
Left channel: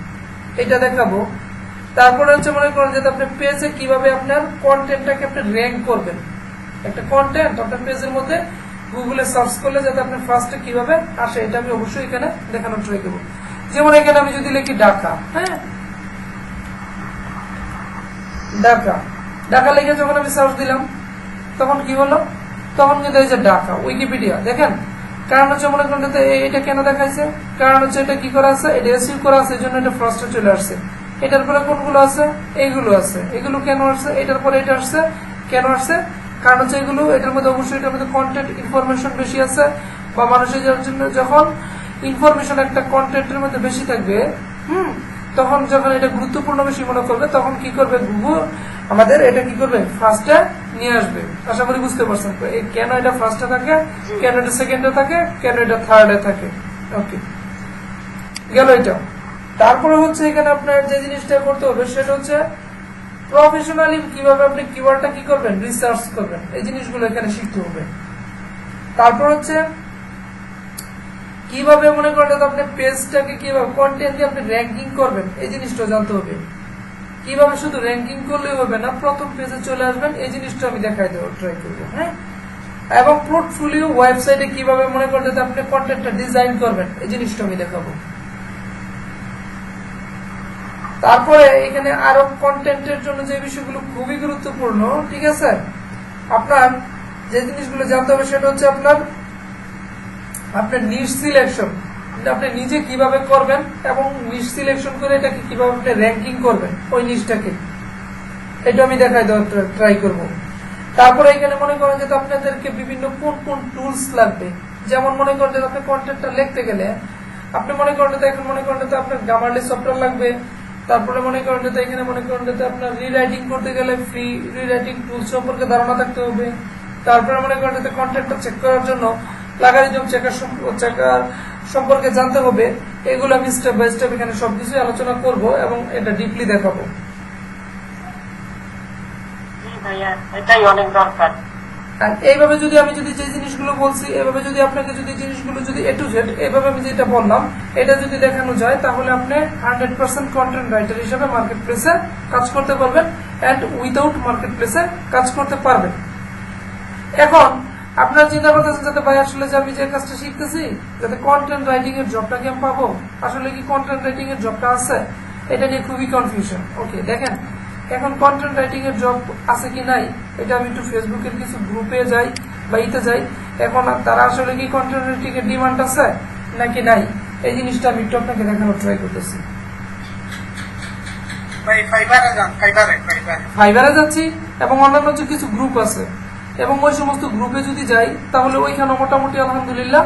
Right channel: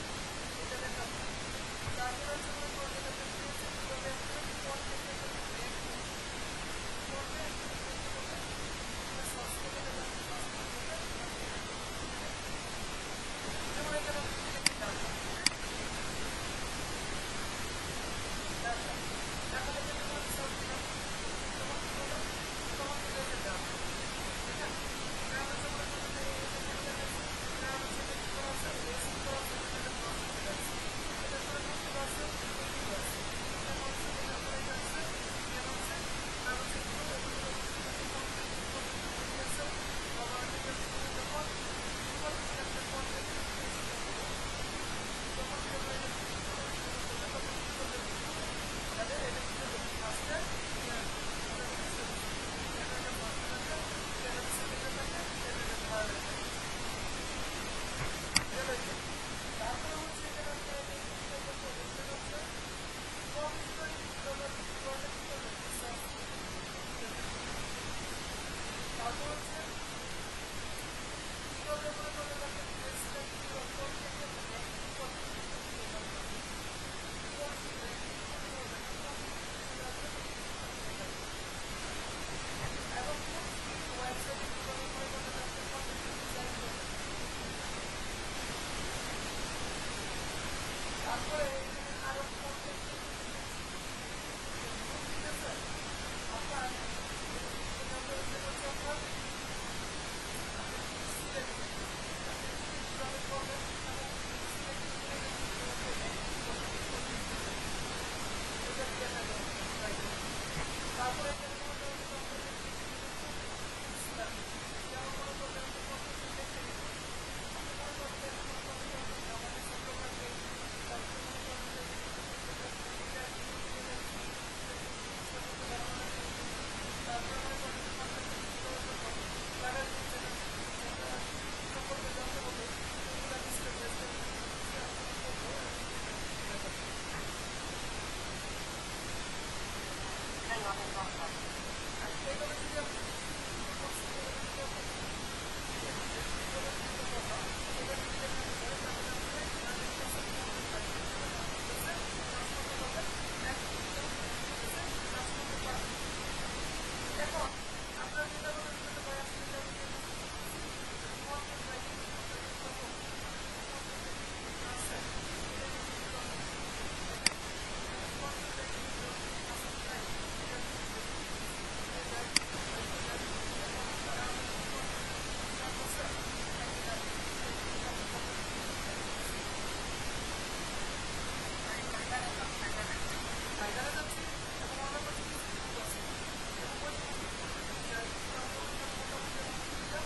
এটা দেখাবো। তারপরে হচ্ছে মনে করেন যে আপনি পেজে কিভাবে আপনার কন্টেন্টটাকে আপনি র্যাঙ্ক করবেন, একটা কন্টেন্ট আপনার পেজের মধ্যে গুগলে সার্চ করলে যাতে আপনার ফার্স্টে কিভাবে আসে, এটা আমি অবশ্যই এখানে দেখানোর ট্রাই করবো। যেমন এখানে আমি যদি লিখি ঢাকা, হ্যাঁ ঢাকা, ঢাকা লিখে যখন আমি সার্চ দিলাম তখন কি হলো, তখন কিন্তু এই যে ঢাকা উইকিপিডিয়া দেখেন, কারণ হচ্ছে মনে করেন এটা কেন দেখাইছে, কারণ হচ্ছে এটা কি করা আছে, এটা এসইউ করা আছে, এই জন্য এটা ফার্স্টে চলে আসছে। এটার পরে কোনগুলো আছে, এইগুলো আছে, এগুলো কেন আসছে, এটার পরে এটা আসছে, কেন আসছে, কারণ হচ্ছে এগুলো এটার মধ্যে অবশ্যই এটার মধ্যে কন্টেন্ট ইনফরমেশন বেশি আছে, বা মানুষের জন্য যখন ইনফরমেশন একটা কন্টেন্টের মধ্যে বেশি থাকবে, তখন যখন এটা গুরুত্বপূর্ণ বেশি মনে করবে, তখন কি করবে গুগল আমাদের এটা কি করবে, ফার্স্টে নিয়ে আসবে। আশা করি বুঝতে পারছেন কেন এটা ফার্স্টে থাকে, কেন এটা সেকেন্ডে থাকে, কেন এটা থার্ডে থাকে। ওকে, গেল এটা। তারপরে হচ্ছে এখানে আপনার যে জিনিসটা করতে হবে সেটা হচ্ছে প্রফেশনালি কিভাবে আপনি কিওয়ার্ডটা কি করবেন, রিসার্চ করবেন, এই জিনিসগুলো এখানে শিখতে হবে। তারপর হচ্ছে কিভাবে মনে করেন আপনি পেজটাকে কিভাবে কন্টেন্ট দিয়ে আপনি র্যাঙ্কিং করবেন, এই জিনিসটা জানতে হবে। কিভাবে শুধু র্যাঙ্কিং করলেই হবে না, প্রথম পেজে চলে আসবেন, এই জিনিসটা আমি দেখাই দেবো, ট্রাই করবো, হ্যাঁ। এবং পোর্টফোলিও ওয়েবসাইটে কিভাবে মনে করেন আপনি কন্টেন্টটা ডিজাইন করবেন, এই জিনিসটা আমি দেখাবো। তারপরে এখানে আরো কন্টেন্টের জন্য যে বিষয়গুলো খুবই গুরুত্বপূর্ণ, ঠিক আছে, আপনার যে জিনিসগুলো জানতে হবে সেটা হচ্ছে আপনার নিশ সিলেকশন, আপনি নিজে কিভাবে করবেন এবং নিশ সিলেকশন করে এটাকে কিভাবে আপনি র্যাঙ্কিং করবেন ওই নিশটাকে, এটা আমি দেখাই দেওয়ার ট্রাই করব। তারপরে এখানে মনে করেন যে আপনাদেরকে বিভিন্ন কোন কোন টুলস লাগবে, যেমন মনে করেন যে আপনি কন্টেন্টটা লিখতে গেলে আপনি মনে করেন যে এখন মনে করেন যে আপনার গ্রামারলি সফটওয়্যার লাগবে, তারপরে মনে করেন যে এখানে মনে করেন যে আপনার রিরাইটিং করতে গেলে ফ্রি রিরাইটিং টুলস সম্পর্কে ধারণা থাকতে হবে, তারপরে মনে করেন যে কন্টেন্টটা চেক করার জন্য প্লাগারিজম চেকার সম্পর্কে জানতে হবে। এগুলো আমি স্টেপ বাই স্টেপ এখানে সবকিছু আলোচনা করব এবং এটা ডিপলি দেখাবো। ভাইয়া এটাই অনেক দরকার। আর এইভাবে যদি আমি যদি যে জিনিসগুলো বলছি এভাবে যদি আপনাকে যদি জিনিসগুলো যদি এ টু জেড এইভাবে আমি যেটা বললাম এটা যদি দেখানো যায় তাহলে আপনি 100% কন্টেন্ট রাইটার হিসেবে মার্কেট প্লেসে কাজ করতে পারবেন অ্যান্ড উইদাউট মার্কেট প্লেসে কাজ করতে পারবেন। এখন আপনার চিন্তা করতেছেন যাতে ভাই আসলে যে আমি যে কাজটা শিখতেছি যাতে কন্টেন্ট রাইটিং এর জবটা কি আমি পাবো, আসলে কি কন্টেন্ট রাইটিং এর জবটা আছে, এটা নিয়ে খুবই কনফিউশন। ওকে দেখেন, এখন কন্টেন্ট রাইটিং এর জব আছে কি নাই এটা আমি একটু ফেসবুকের কিছু গ্রুপে যাই বা ইতে যাই, এখন তারা আসলে কি কন্টেন্ট রাইটিং এর ডিমান্ড আছে নাকি নাই এই জিনিসটা আমি একটু আপনাকে দেখানোর ট্রাই করতেছি। ফাইবারে যাচ্ছি এবং অন্যান্য যে কিছু গ্রুপ আছে এবং ওই সমস্ত গ্রুপে যদি যাই তাহলে ওইখানে মোটামুটি আলহামদুলিল্লাহ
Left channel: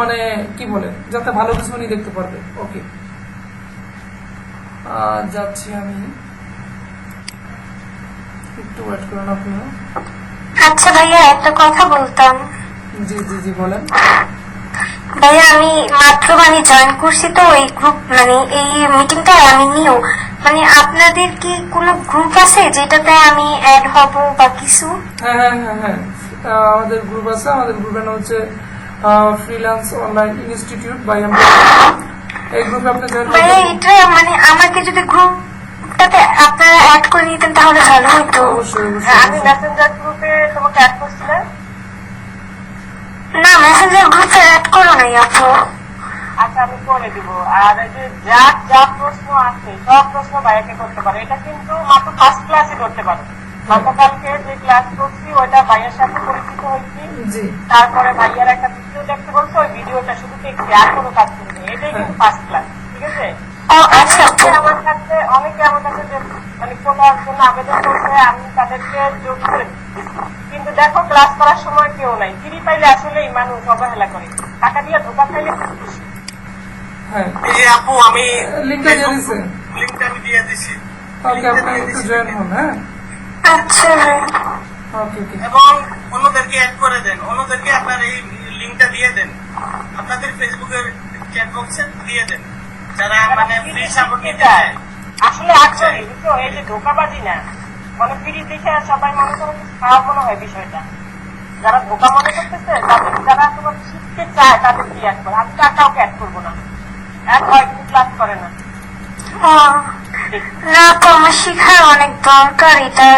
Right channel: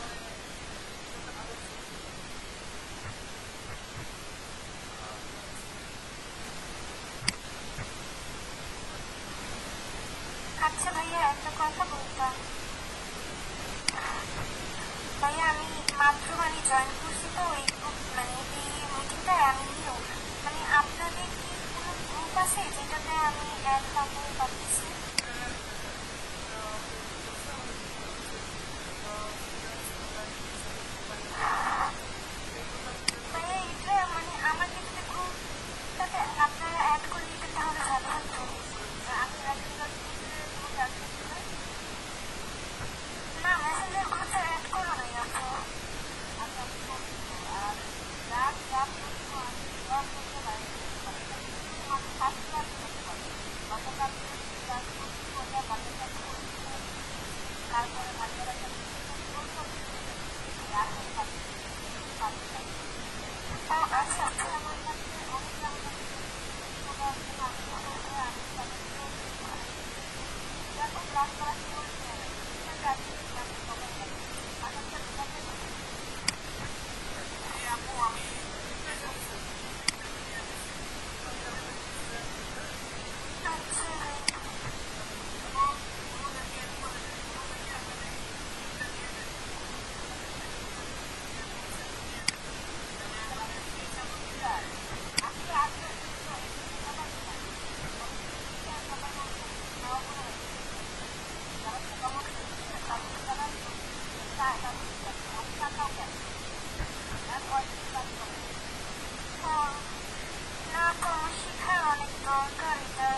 মানে কি বলে যাতে ভালো কিছু উনি দেখতে পারবে। ওকে যাচ্ছি আমি, একটু ওয়েট করুন আপনারা। আচ্ছা ভাইয়া একটা কথা বলতাম। জি জি জি বলেন। ভাইয়া আমি মাত্র জয়েন করছি তো এই গ্রুপ এই মিটিংটা আমি নিও আপনাদের কি কোনো গ্রুপ আছে যেটাতে আমি অ্যাড হব বা কিছু? হ্যাঁ হ্যাঁ হ্যাঁ হ্যাঁ আমাদের গ্রুপ আছে, আমাদের গ্রুপের নাম হচ্ছে freelance online institute by MB. এই গ্রুপে আপনি জয়েন ভাইয়া এটা আমাকে যদি গ্রুপটাতে আপনারা অ্যাড করে নিতেন তাহলে ভালো হতো। অবশ্যই আমি মেসেঞ্জার গ্রুপে তোমাকে অ্যাড করছিলাম। না মেসেঞ্জার গ্রুপে অ্যাড করো নাই আপু। আচ্ছা আমি করে দিব। আর এই যে যার যা প্রশ্ন আছে সব প্রশ্ন ভাইয়াকে করতে পারো, এটা কিন্তু মাত্র ফার্স্ট ক্লাসে করতে পারো। গতকালকে যে ক্লাস করছি ওইটা ভাইয়ের সাথে পরিচিত হয়েছি, জি তারপরে ভাইয়ার একটা ভিডিও দেখতে বলছে, ওই ভিডিওটা শুধু দেখছি আর কোনো কাজ করিনি। এটাই কিন্তু ফার্স্ট ক্লাস, ঠিক আছে? ও আচ্ছা আপু। অনেকে আমার কাছে যে কোটার জন্য আবেদন করছে, আমি তাদেরকে যোগ করে দিচ্ছি। কিন্তু দেখো ক্লাস করার সময় কেউ নাই, ফ্রি পাইলে আসলেই মানুষ অবহেলা করে, টাকা দিয়ে ধোকা খাইলে খুব খুশি। হ্যাঁ এই যে আপু আমি লিংকটা দিয়ে দিছি। লিংকটা আমি দিয়ে দিছি। ওকে আপনি একটু জয়েন হন। হ্যাঁ আচ্ছা ওকে ওকে এবং অন্যদেরকে অ্যাড করে দেন, অন্যদেরকে আপনার এই লিংকটা দিয়ে দেন, আপনাদের ফেসবুকের চ্যাট বক্সে দিয়ে দেন, যারা ফ্রি সাপোর্ট নিতে চায়। আসলে আগ্রহী বুঝছো, এই যে ধোকাবাজি না, ফ্রি দেখে সবাই মনে করে খারাপ মনে হয় বিষয়টা। যারা ধোকা মনে করতেছে তাদের, যারা তোমার শিখতে চায় তাদেরকে অ্যাড করে। আমি তো আর কাউকে অ্যাড করবো না, অ্যাড হয় কিন্তু ক্লাস করে না। না তো আমার শিখার অনেক দরকার এটা।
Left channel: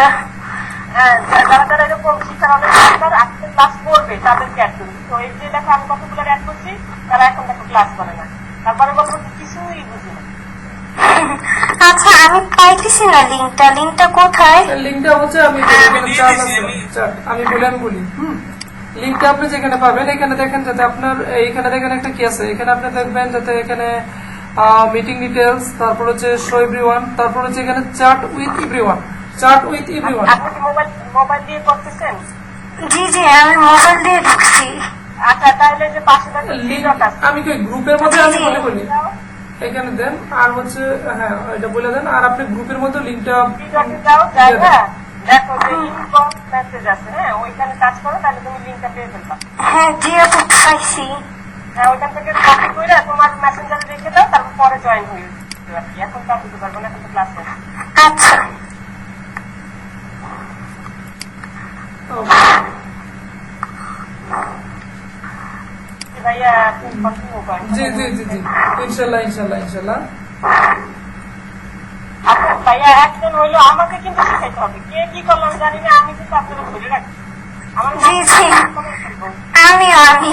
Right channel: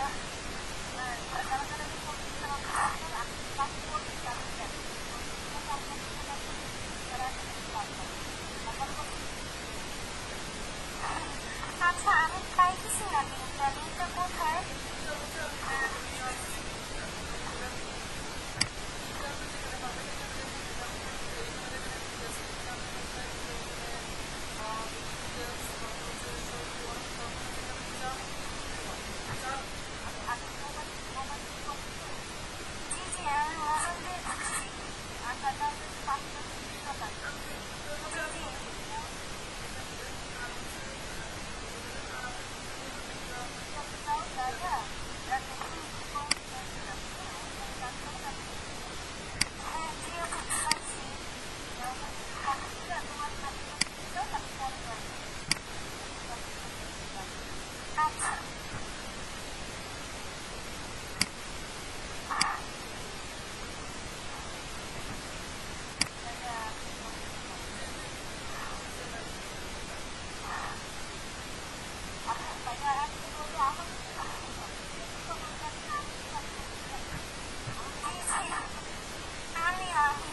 হ্যাঁ, যারা যারা এরকম শিক্ষার অনেক দরকার আজকে ক্লাস করবে তাদেরকে অ্যাড করবে। তো এই যে দেখো আমি কতগুলো অ্যাড করছি, তারা এখন দেখো ক্লাস করে না, তারপরে বলবো কিছুই বুঝি না। আচ্ছা আমি পাইতেছি না লিংকটা কোথায়? লিংকটা হচ্ছে আমি এখানে চার্ট আছে চার্ট আমি বলি লিংকটা আপনি যেখানে পাবেন এখানে দেখেন যাতে আপনার এইখানে দেখেন একটা কি আছে, এখানে আপনি দেখবেন যাতে এখানে মিটিং ডিটেইলস, তারপর হচ্ছে শো এভরিওয়ান, তারপর হচ্ছে এখানে চ্যাট উইথ এভরিওয়ান। আপনি কি মোবাইল দিয়ে করতেছেন? জি জি আমি মোবাইল দিয়ে ঢুকছি। আচ্ছা তাহলে যে পাশে দেখো লিংক লিংক আছে, আমি কি গ্রুপের মধ্যে আমি বলি এখানে দেন আর হচ্ছে হ্যাঁ এটা বলে দেন আর আপনি গ্রুপের মধ্যে লিংকটা লিংকে যাও, জায়গা দেখো যে ইনবক্স মেসেজ আছে, হ্যাঁ ওইখানে কাজ করো, তাহলে তুমি লিংকটা পেয়ে ফেলবা। হ্যাঁ জি আপু পাইছি। হ্যাঁ ওইখান থেকে কপি করে তোমার মেসেঞ্জারে রেখে দাও, তারপর পরে জয়েন হয়ে যাবে। এখন তো বুঝতে পারবো না, এখন তো ক্লাস আছে। আচ্ছা ভাইয়া কন্টিনিউ করেন। জি জি জি জি ইনশাআল্লাহ আচ্ছা ভাইয়া একজন হইলো, আমাকে কিন্তু শিখাইতে হবে। কে কি করলাম জানি না, আমি কিন্তু আপনাকে ধরে রাখি। আমার জি জি আমিও আমি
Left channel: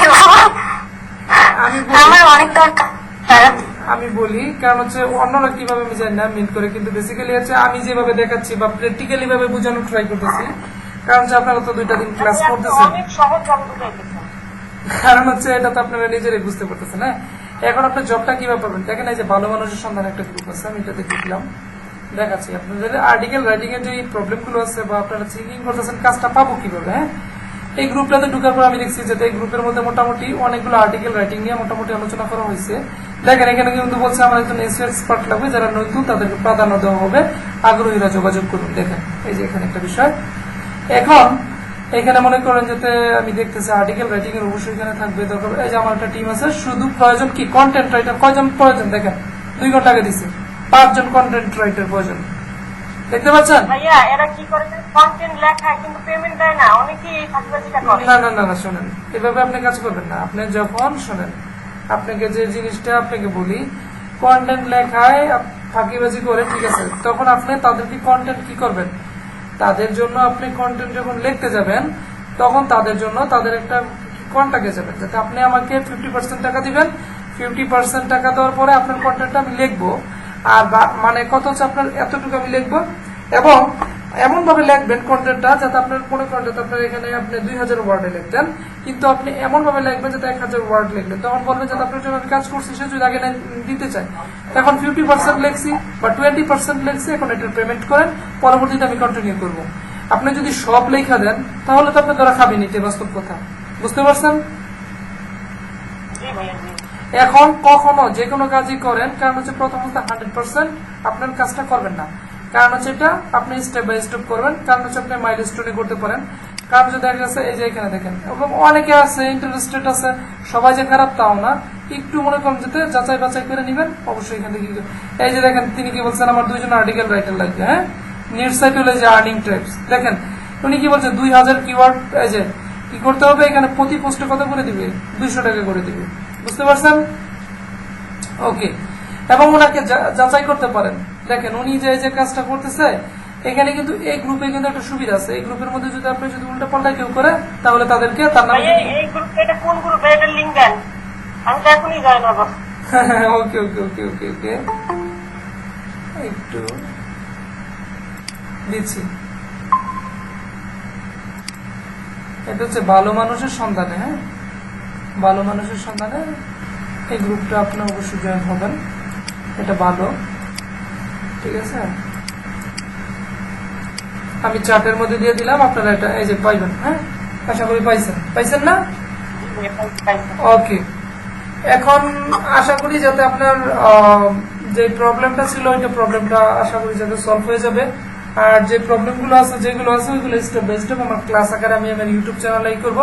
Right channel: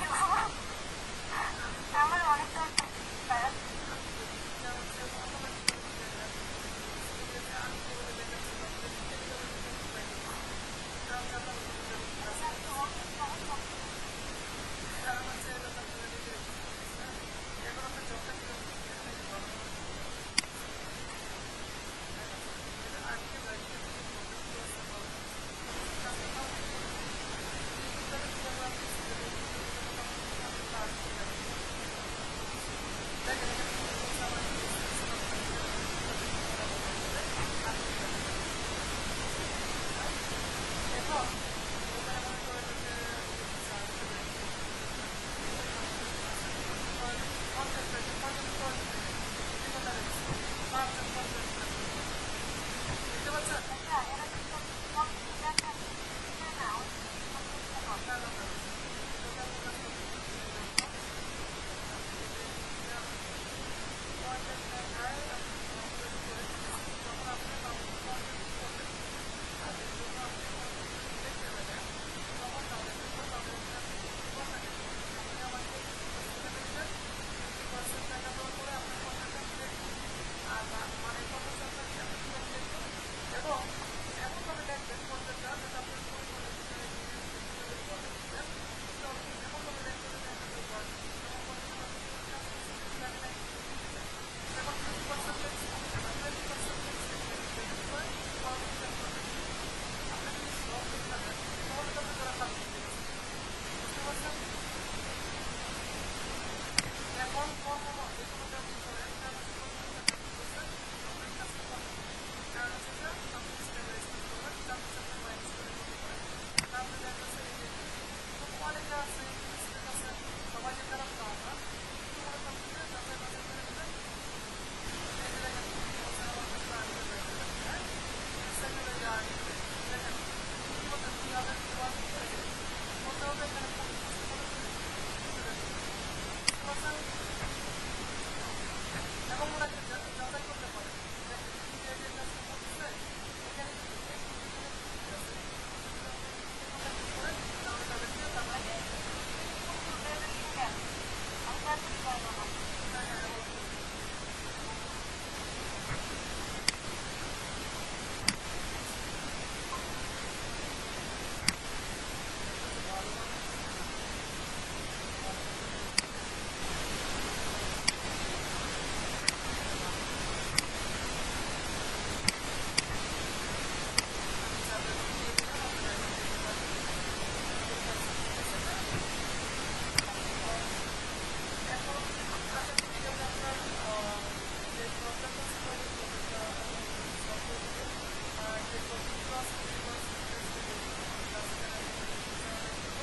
আমার অনেক দরকার। আমি বলি কারণ হচ্ছে অন্যরা কিভাবে আমি জানি না মিন করে, কিন্তু বেসিক্যালি হচ্ছে আমি যেভাবে দেখাচ্ছি বা প্র্যাকটিক্যালি ভাবে বোঝানোর ট্রাই করতেছি, কারণ হচ্ছে আপনারা তো 2টা দিন ক্লাস করতেছেন, অনেক সহজ ভাবে বুঝাইতেছেন। কারণ হচ্ছে এটা তো আপনারা নিজেরাই বুঝতে পারতেছেন। হ্যাঁ এখন আপনি জবটা কিভাবে পাবেন দেখেন, এই যে ভালো মানুষের সন্ধান একটা গ্রুপ আছে, আমি এটাতে ঢুকলাম, দেখাচ্ছি আপনাদের আর্টিকেল রাইটিং এর যে প্রবলেমগুলো আছে বা আপনারা থিঙ্কিং করতেছেন কাজটা পাবো কিভাবে। হ্যাঁ, এই গ্রুপটাতে ঢোকার পর আমি দেখছি যে এই গ্রুপের মধ্যে মোটামুটি অনেকগুলো আর্টিকেল রাইটিং নিয়ে মোটামুটি আলোচনা করা হয়েছে। দেখেন এখানে কিন্তু বলছে আমার একজন এক্সপার্ট লাগবে, যারা নতুন তাদেরকে প্রাধান্য দেওয়া হবে, আগ্রহীরা যোগাযোগ করুন। দেখেন এই যে এখানে একটা বিষয়। এখন এখানে মনে করেন যাতে আমি দেখতেছি আর্টিকেল রাইটিং এর অবশ্যই এখানে থাকবে দরকার। এই যে আমার একটা টিম আছে, শুধু প্রয়োজন কি কন্টেন্ট রাইটার। কয়জন প্রয়োজন দেখেন, 2 ঘন্টা আগে দিছি 5 জন কন্টেন্ট রাইটার প্রয়োজন, দেখতে পাচ্ছেন? ভাইয়া এরা কি করে কন্টেন্ট লেখা কিন্তু পেমেন্ট দেয় না, অনেকেই এই ফাঁকিবাজিটা করে। না না না না, শোনেন, এভাবে আপনি কাজ করবেন না। আপনি যখন শোনেন, আপনাকে যে জিনিসটা আপনাকে বলি, কন্টেন্ট লেখায় ফাঁকিবাজি করে, ঠিক আছে, তখন আপনি তাদেরকে কন্টেন্ট কি করবেন, তাদের জন্য আপনি কন্টেন্ট যখন লিখতে যাবেন তখন তাদের জন্য তাদের একটা কন্ট্যাক্টে যাবেন, যাতে আপনি আমাকে 50% টাকা দিবেন, 50% টাকা দেওয়ার পরে আপনার কন্টেন্টটা আমি লিখবো। আর মানে কত হচ্ছে আপনার এতটুকু আমি লিখবো, এবং এমন ভাবে লিখবেন কন্টেন্টটা যাতে আপনার কোনো কন্টেন্ট আপনার এখানে আপনি 2000 ওয়ার্ডে লিখতেন, কিন্তু আপনি এমন ভাবে লিখবেন যাতে 1000 ওয়ার্ড লিখলেন, তখন বলবেন যাতে আপনার জন্য আমি কাজ করছি সে যদি আগে দিতে চাই। এখন 50% লিখছি বা 20% লিখছি, এখন এটার পেমেন্ট করেন, পরবর্তীতে আমি কন্টিনিউ করব। আপনি যদি সব লেখা দেন তাহলে তো আপনি ধরা খাবেন, নিতে বাস্তব কথা, বুঝতে পারছেন? জি ভাইয়া জি। এখন কখনো যে কোনো কাজই করেন, কারণ হচ্ছে প্রথমত 100% আপনার কাজটা করবেন না, কারণ হচ্ছে এটা আপনি স্টেপ বাই স্টেপ করবেন, কারণ হচ্ছে আপনি মাইলস্টোনে করতে পারেন। কারণ যদি দেখা গেছে এই যে এখানে দেখেন, এবং অনেকে আছে ইন্টারেস্টেড আছে, সবাই যে খারাপ তাও না, একটু মনে করেন যেতে যাচাই বাছাই করে নেবেন অবশ্যই। এখান থেকে এই যে দেখেন তিনি কি বলছেন, আমার 2 জন আর্টিকেল রাইটার লাগবে। হ্যাঁ, নিট সাইট হলে যে আর্নিং টাইপস, দেখেন উনি কি বলছেন 2000 কিওয়ার্ড, এই যে কি করতে হবে এখানে প্রতি পোস্টে কত করে দিবে, 200 টাকা করে দিবে, বুঝতে পারছেন? ওকে, এবং ওনাকে যাচাই করতে পারেন। দেখেন উনি যে যে কাজটা করতেছে, এখানে কিন্তু এই গ্রুপে কিন্তু একটা সুবিধা আছে, এই গ্রুপের মধ্যে যদি আপনি যদি উল্টা পাল্টা কেউ করে তাহলে তাদেরকে তার নামে ভাইয়া এই গ্রুপে, এটা কোন গ্রুপে, এটা লিংক দেন, আমি তো এখনই জয়েন হবো। ওকে ওকে ওকে ওকে ওকে একটু দিচ্ছি। এটা হচ্ছে ভালো মানুষের সন্ধানে। হ্যাঁ, ভালো মানুষের সন্ধানে এই গ্রুপটা আপনি অবশ্যই জয়েন হবেন, এটা ভালো, ঠিক আছে? আমি চার্টের মধ্যে দিয়ে দিলাম, আপনারা এটা এই যে পাইবেন। হ্যাঁ, আশা করি পাইছেন না? ওকে, এখন আশা করি যাতে আপনার যে প্রবলেমটা ছিল ওইটা প্রবলেমটা আশা করি যাতে সলভ হয়ে যাবে। আর যে প্রবলেমগুলো আছে যেগুলো আছে ওইগুলো স্টেপ বাই স্টেপ আমার ক্লাস আকারে আমি আমার ইউটিউব চ্যানেলেই করব।